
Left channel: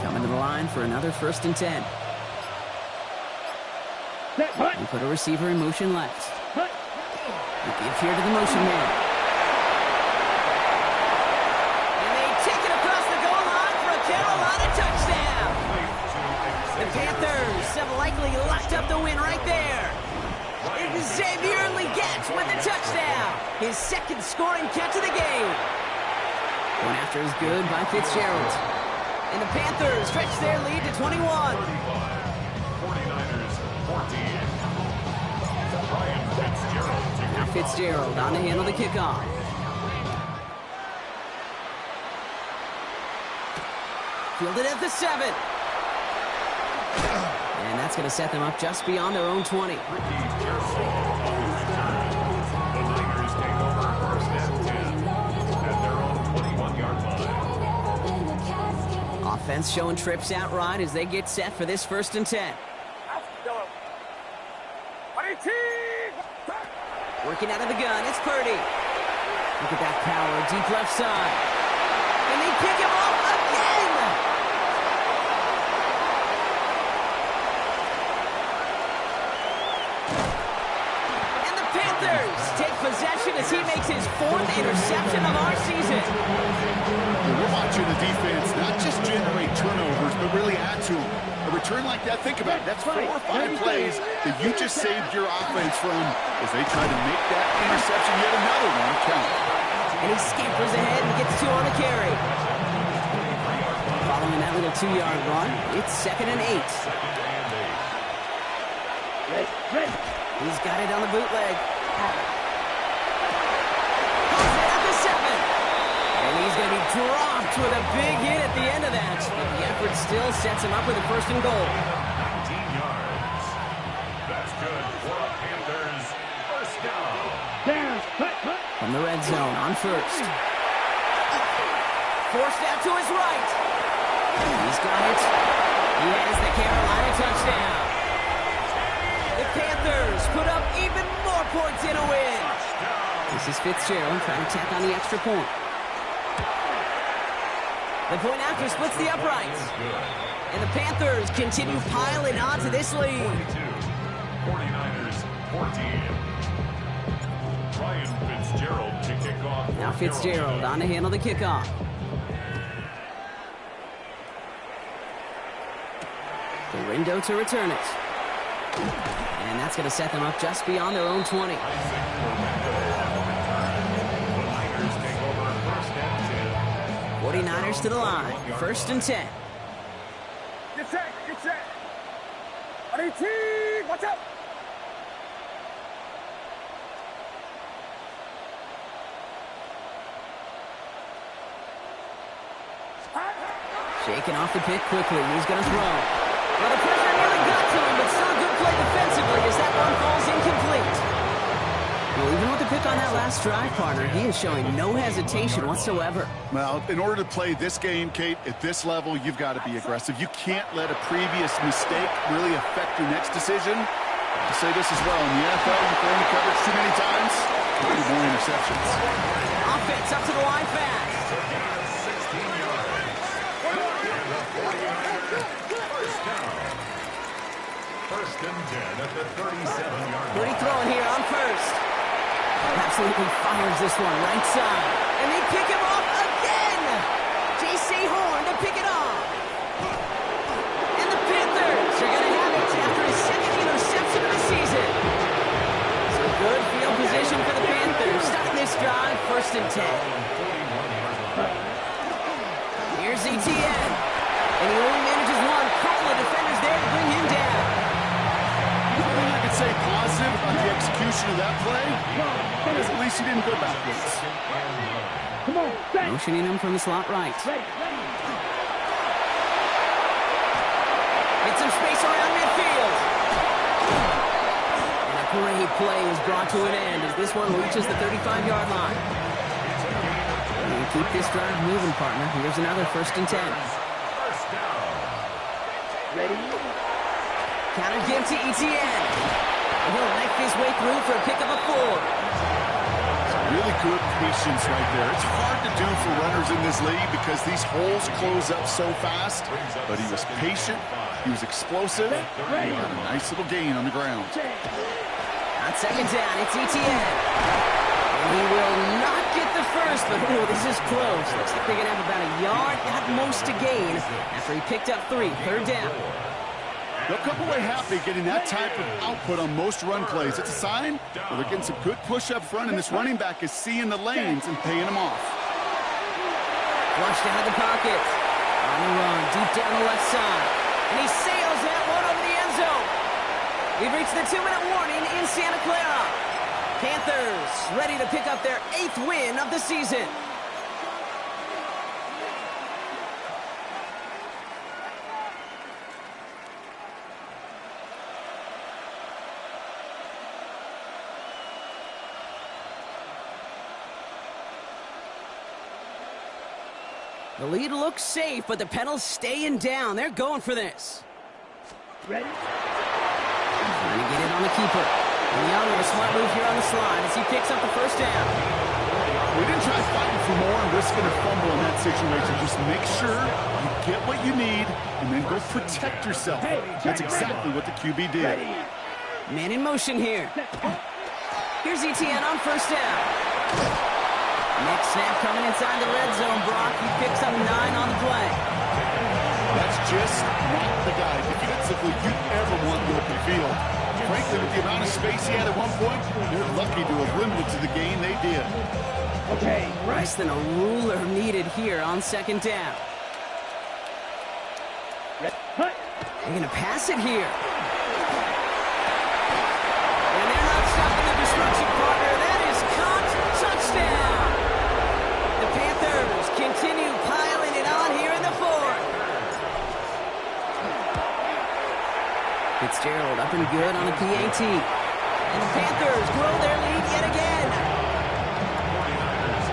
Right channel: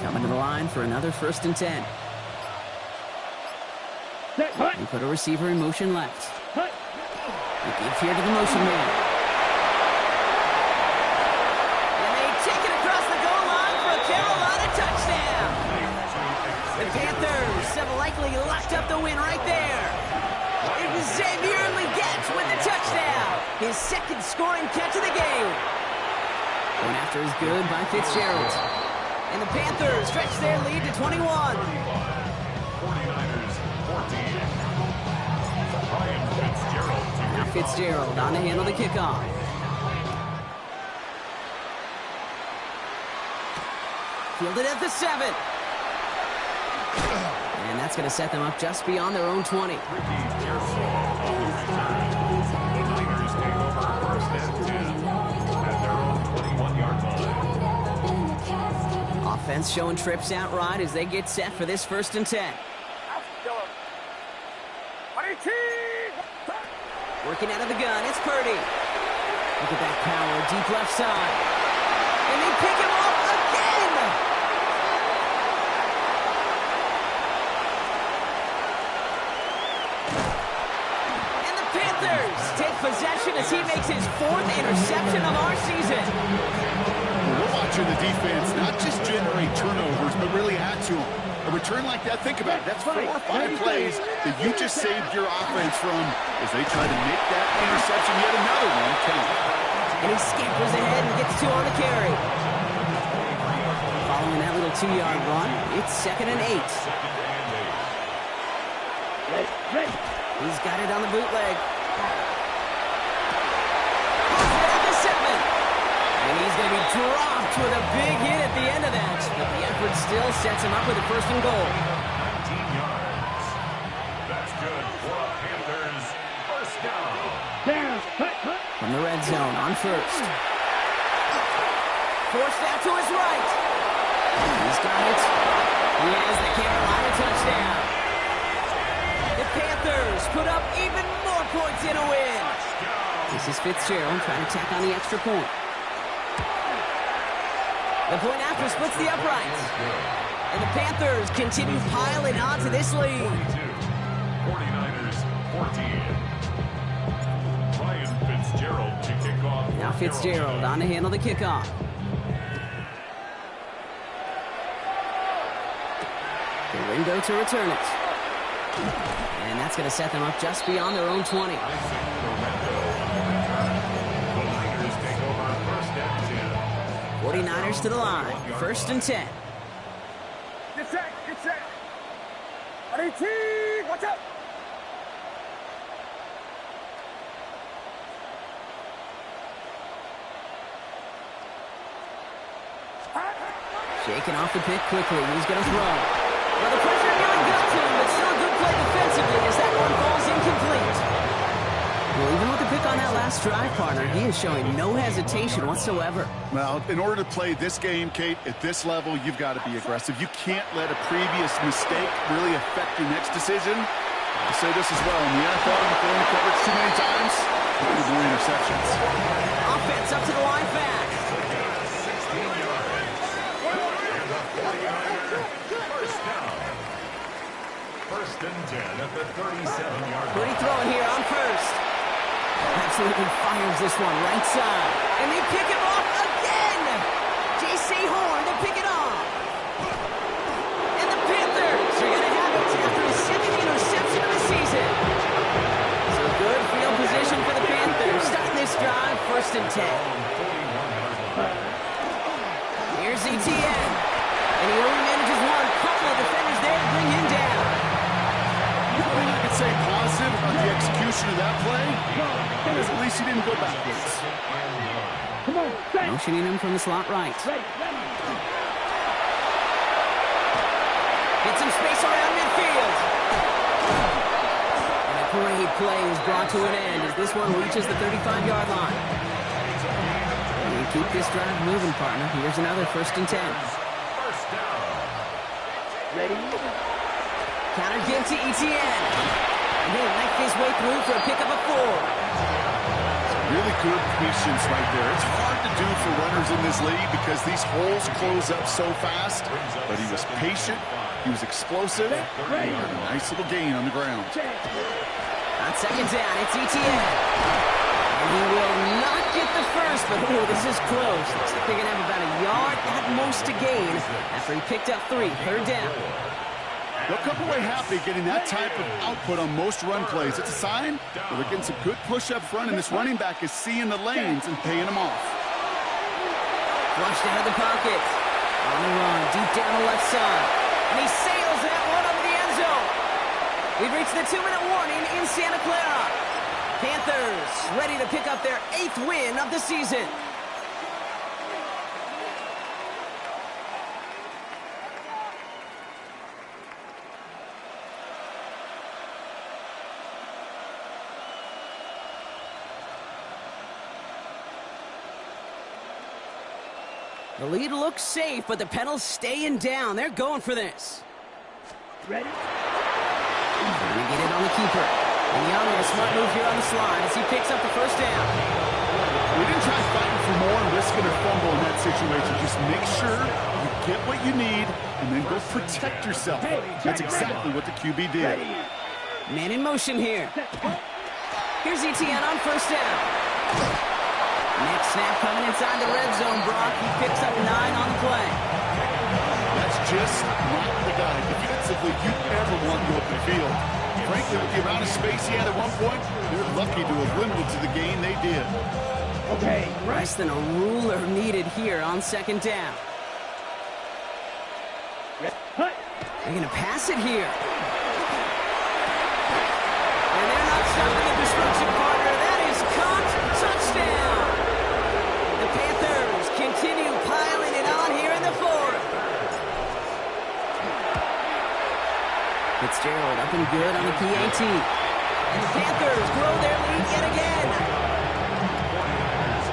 Coming to the line for another 1st and 10. We put a receiver in motion left. We give here to the motion man. And they take it across the goal line for a Carolina touchdown. The Panthers have likely locked up the win right there. Xavier Legette with a touchdown. His 2nd scoring catch of the game. Going after is good by Fitzgerald. And the Panthers stretch their lead to 21. 49ers 14. Ryan Fitzgerald. Now Fitzgerald on to handle the kickoff. Fielded at the 7. And that's going to set them up just beyond their own 20. Ricky Pearsall on the return. The Niners take over 1st and 10 at their own 21-yard line. Offense showing trips out right as they get set for this 1st and 10. Working out of the gun, it's Purdy. Look at that power, deep left side. And they pick him off again! And the Panthers take possession as he makes his 4th interception of our season. We're watching the defense not just generate turnovers, but really add to them. A return like that, think about it, that's 4 or 5 plays that you just saved your offense from as they try to make that interception, yet another one, count. And he scampers ahead and gets 2 on the carry. Following that little 2-yard run, it's 2nd and 8. He's got it on the bootleg. Pulls it at the 7. And he's going to be dropped with a big hit at the end of that. But the effort still sets him up with a 1st and goal. 19 yards. That's good for a Panthers first down. From the red zone on 1st. Forced out to his right. He's got it. He has the Carolina touchdown. The Panthers put up even more points in a win. This is Fitzgerald trying to tack on the extra point. The point after splits the uprights. And the Panthers continue piling onto this lead. 49ers 14. Ryan Fitzgerald to kick off. Now Fitzgerald on to handle the kickoff. Dorindo to return it. And that's going to set them up just beyond their own 20. Isaac Dorindo on the return. The Niners take over 1st and 10. 49ers to the line. 1st and 10. Get set, get set. Watch out. Shaking off the pick quickly. He's going to throw. Well, the pressure nearly got to him, but still a good play defensively as that one falls incomplete. Well, even with the pick on that last drive, partner, he is showing no hesitation whatsoever. Well, in order to play this game, Kate, at this level, you've got to be aggressive. You can't let a previous mistake really affect your next decision. I'll say this as well. In the NFL, you throw in the coverage too many times, you get more interceptions. Offense up to the line fast. 16 yards. And the 49ers first down. 1st and 10 at the 37-yard line. Pretty throwing here on 1st. Absolutely fires this one right side. And they pick him off again. J.C. Horn to pick it off. And the Panthers are going to have it after his 2nd interception of the season. So good field position for the Panthers. Starting this drive, 1st and 10. Here's Etienne. And he only manages one. Couple of defenders there to bring him down. say positive about the execution of that play, because at least he didn't go backwards. Come on, set. Motioning him from the slot right. Ready. Get some space around midfield. And a great play is brought to an end as this one reaches the 35-yard line. You keep this drive moving, partner. Here's another 1st and 10. Ready. Counter give to Etienne. And he'll knife his way through for a pickup of 4. Really good patience right there. It's hard to do for runners in this league because these holes close up so fast. But he was patient, he was explosive, and he got a nice little gain on the ground. On 2nd down, it's Etienne. And he will not get the first, but oh, this is close. Looks like they're going to have about a yard at most to gain after he picked up 3. 3rd down. They'll come away happy getting that type of output on most run plays. It's a sign that they're getting some good push up front, and this running back is seeing the lanes and paying them off. Flushed out of the pocket. On the run, deep down the left side. And he sails that one over the end zone. We've reached the 2-minute warning in Santa Clara. Panthers ready to pick up their 8th win of the season. The lead looks safe, but the pedals staying down. They're going for this. Ready. Trying to get it on the keeper. And Young, a smart move here on the slide as he picks up the 1st down. We didn't try fighting for more and risking a fumble in that situation. Just make sure you get what you need and then go protect yourself. That's exactly what the QB did. Man in motion here. Here's Etienne on 1st down. Next snap coming inside the red zone, Brock. He picks up 9 on the play. That's just not the guy defensively you ever want in the open field. Frankly, with the amount of space he had at one point, they're lucky to have limited to the gain they did. Okay, Less than a ruler needed here on 2nd down. They're going to pass it here. And they're not stopping the destruction, partner. That is caught. Touchdown. The Panthers continue piling it on here in the 4th. Fitzgerald up and good on the PAT. And the Panthers grow their lead yet again. 49ers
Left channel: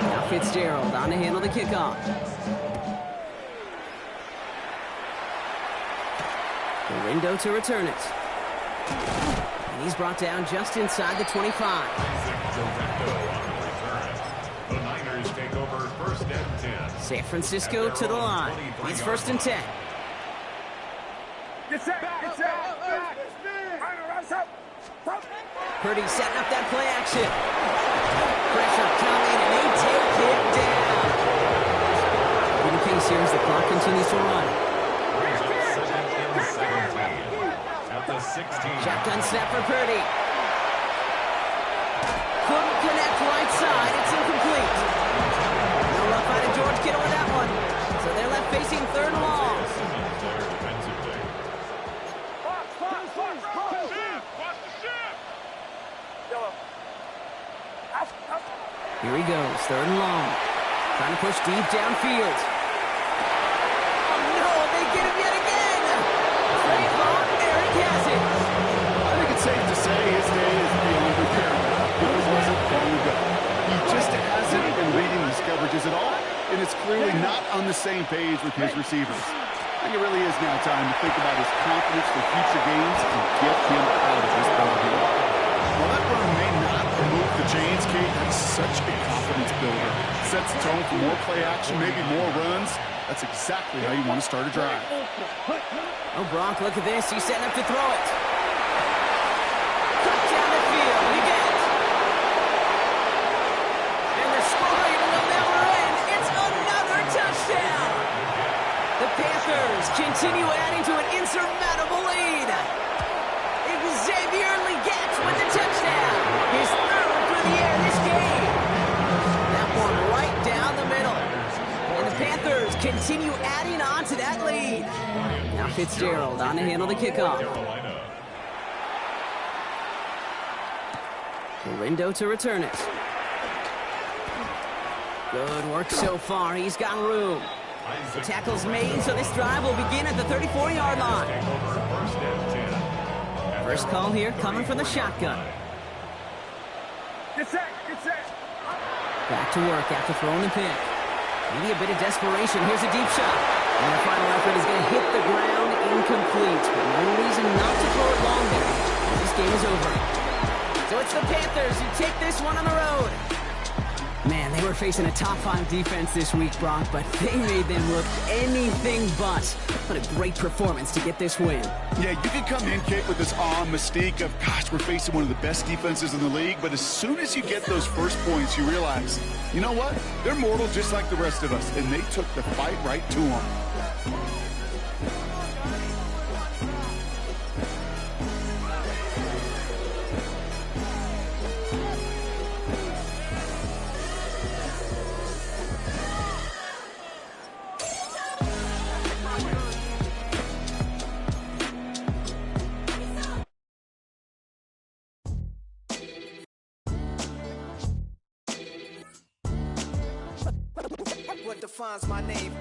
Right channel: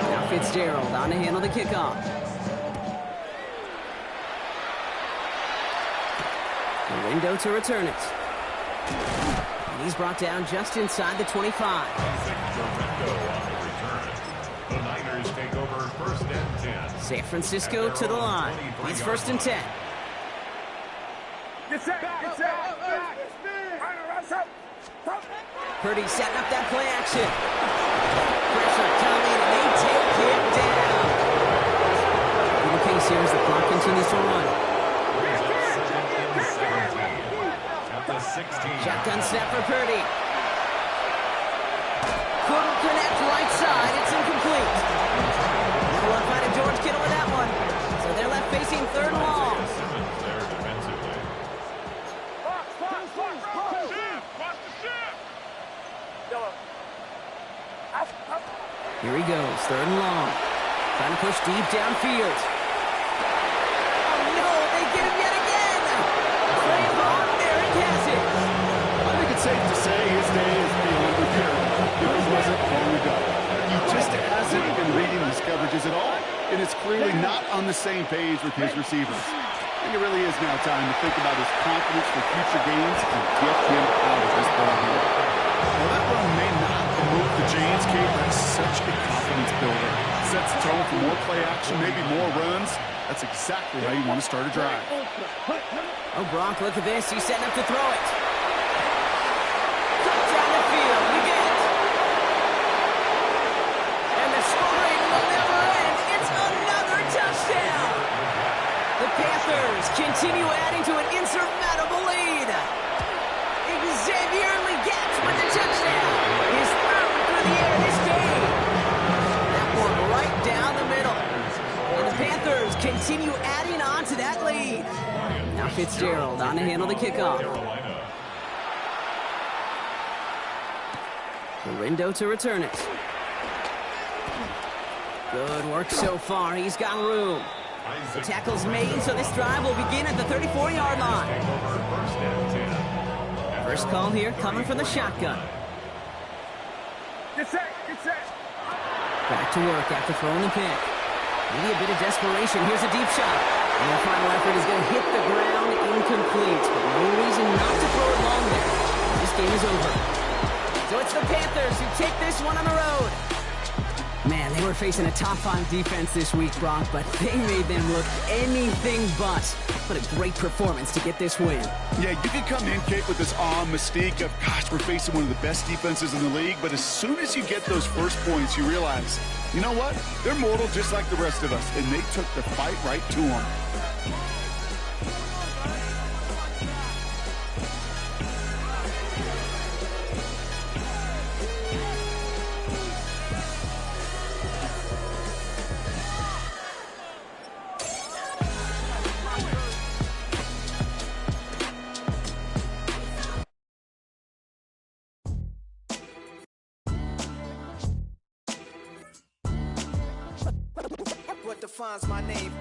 14. Now Fitzgerald on to handle the kickoff. Lindo to return it. And he's brought down just inside the 25. Isaac Directo on the return. The Niners take over 1st and 10. San Francisco to the line. It's 1st and 10. Get set. Purdy setting up that play action. Pressure coming, and they take it down. In the case here as the clock continues to run. Brings up 2nd and 17. At the 16. Shotgun snap for Purdy. Couldn't connect right side. It's incomplete. No rough out of George Kittle with that one. So they're left facing 3rd and long. Simmons there defensively. Here he goes, 3rd and long. Trying to push deep downfield. Oh no, they get him yet again. Trayvon Merrick has it. I think it's safe to say his day is beyond repair. It wasn't long ago. He just hasn't been reading his coverages at all, and it's clearly not on the same page with his receivers. I think it really is now time to think about his confidence for future gains and get him out of this ballgame. While that run may not remove the chains, Kate, that's such a confidence builder. Sets the tone for more play action, maybe more runs. That's exactly how you want to start a drive. Oh, Brock, look at this. He's setting up to throw it. Cut down the field. You get it. And the scoring will never end. It's another touchdown. The Panthers continue adding to an insurmountable lead. Xavier Legette with the touchdown. His 3rd through the air this game. That one right down the middle. And the Panthers continue adding on to that lead. Now Fitzgerald on to handle the kickoff. Rindo to return it. Good work so far. He's got room. The tackle's made, so this drive will begin at the 34-yard line. First call here coming from the shotgun. Get set, get set. Back to work after throwing the pick. Maybe a bit of desperation. Here's a deep shot. And their final effort is going to hit the ground incomplete. But no reason not to throw it long there. This game is over. So it's the Panthers who take this one on the road. Man, they were facing a top-5 defense this week, Brock, but they made them look anything but. What a great performance to get this win. Yeah, you can come in, Kate, with this mystique of, gosh, we're facing one of the best defenses in the league, but as soon as you get those first points, you realize, you know what? They're mortal just like the rest of us, and they took the fight right to them. What defines my name?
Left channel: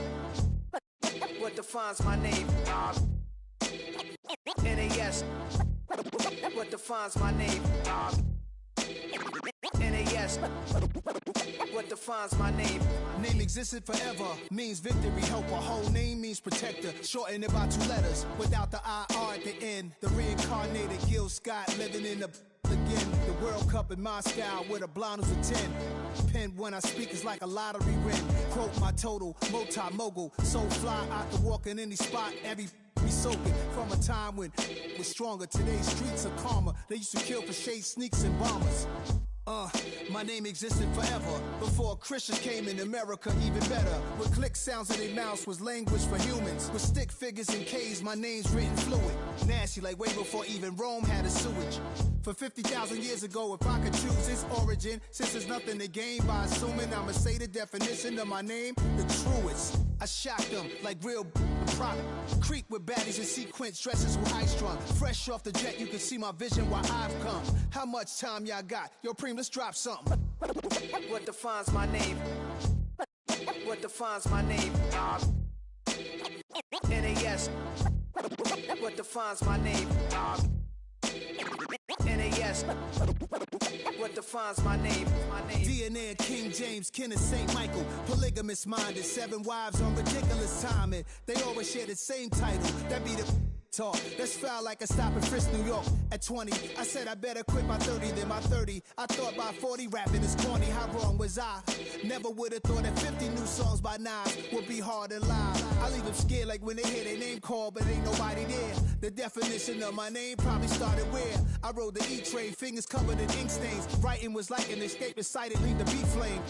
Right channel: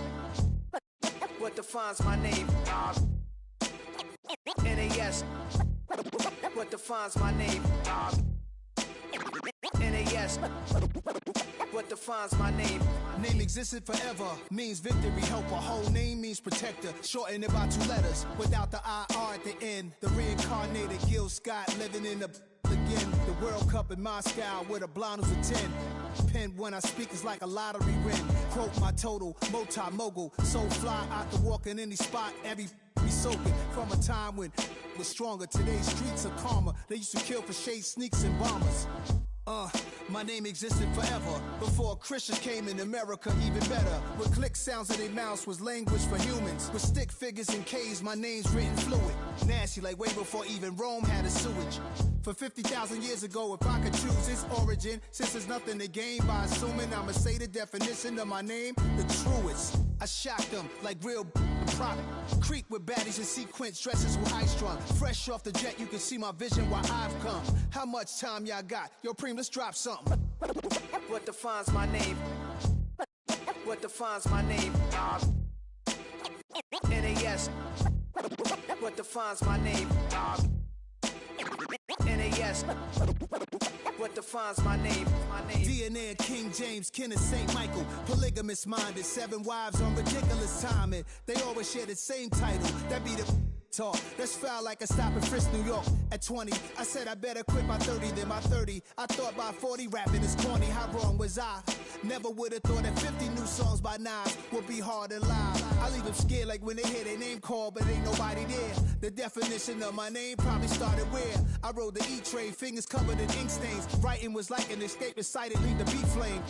What defines my name? NAS. What defines my name? NAS. What defines my name? Name existed forever, means victory, helper. Whole name means protector, shorten it by 2 letters, without the IR at the end. The reincarnated Gil Scott, living in the again. The World Cup in Moscow, where the blind was a 10. Pen when I speak is like a lottery win. Quote my total, multi-mogul, so fly I could walk in any spot, every be soaking from a time when was stronger. Today's streets are calmer. They used to kill for shade sneaks and bombers. My name existed forever before Christians came in America, even better. With click sounds in their mouths was language for humans. With stick figures and K's, my name's written fluid. Nasty like way before even Rome had a sewage. For 50,000 years ago, if I could choose its origin, since there's nothing to gain by assuming I'ma say the definition of my name, the truest. I shocked them like real product. Creek with baddies and sequence dresses with high strung. Fresh off the jet, you can see my vision where I've come. How much time y'all got? Yo, Preem, let's drop something. What defines my name? What defines my name? NAS. What defines my name? NAS. What defines my name? DNA of King James, kin of St. Michael. Polygamous minded, 7 wives on ridiculous timing. They always share the same title. That be the talk. That's foul like a stop in Frisk, New York. At 20, I said I better quit by 30 than by 30. I thought by 40 rapping is corny. How wrong was I? Never would have thought that 50 new songs by Nas would be hard and live. I leave them scared like when they hear their name called, but ain't nobody there. The definition of my name probably started where I rode the E-train, fingers covered in ink stains. Writing was like an escape excited, leave the beat flame.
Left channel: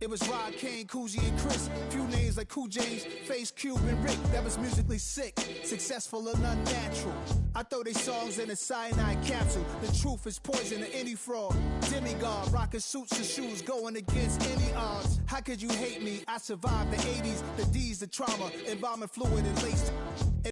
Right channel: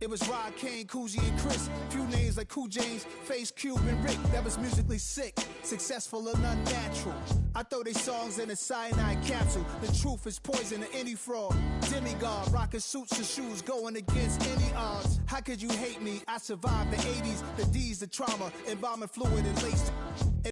It was Rod, Kane, Coogee, and Chris. Few names like Cool James, Face, Cube, and Rick. That was musically sick, successful and unnatural. I throw they songs in a cyanide capsule. The truth is poison to any fraud. Demigod, rocking suits and shoes, going against any odds. How could you hate me? I survived the 80s, the D's, the trauma, embalming fluid and lace.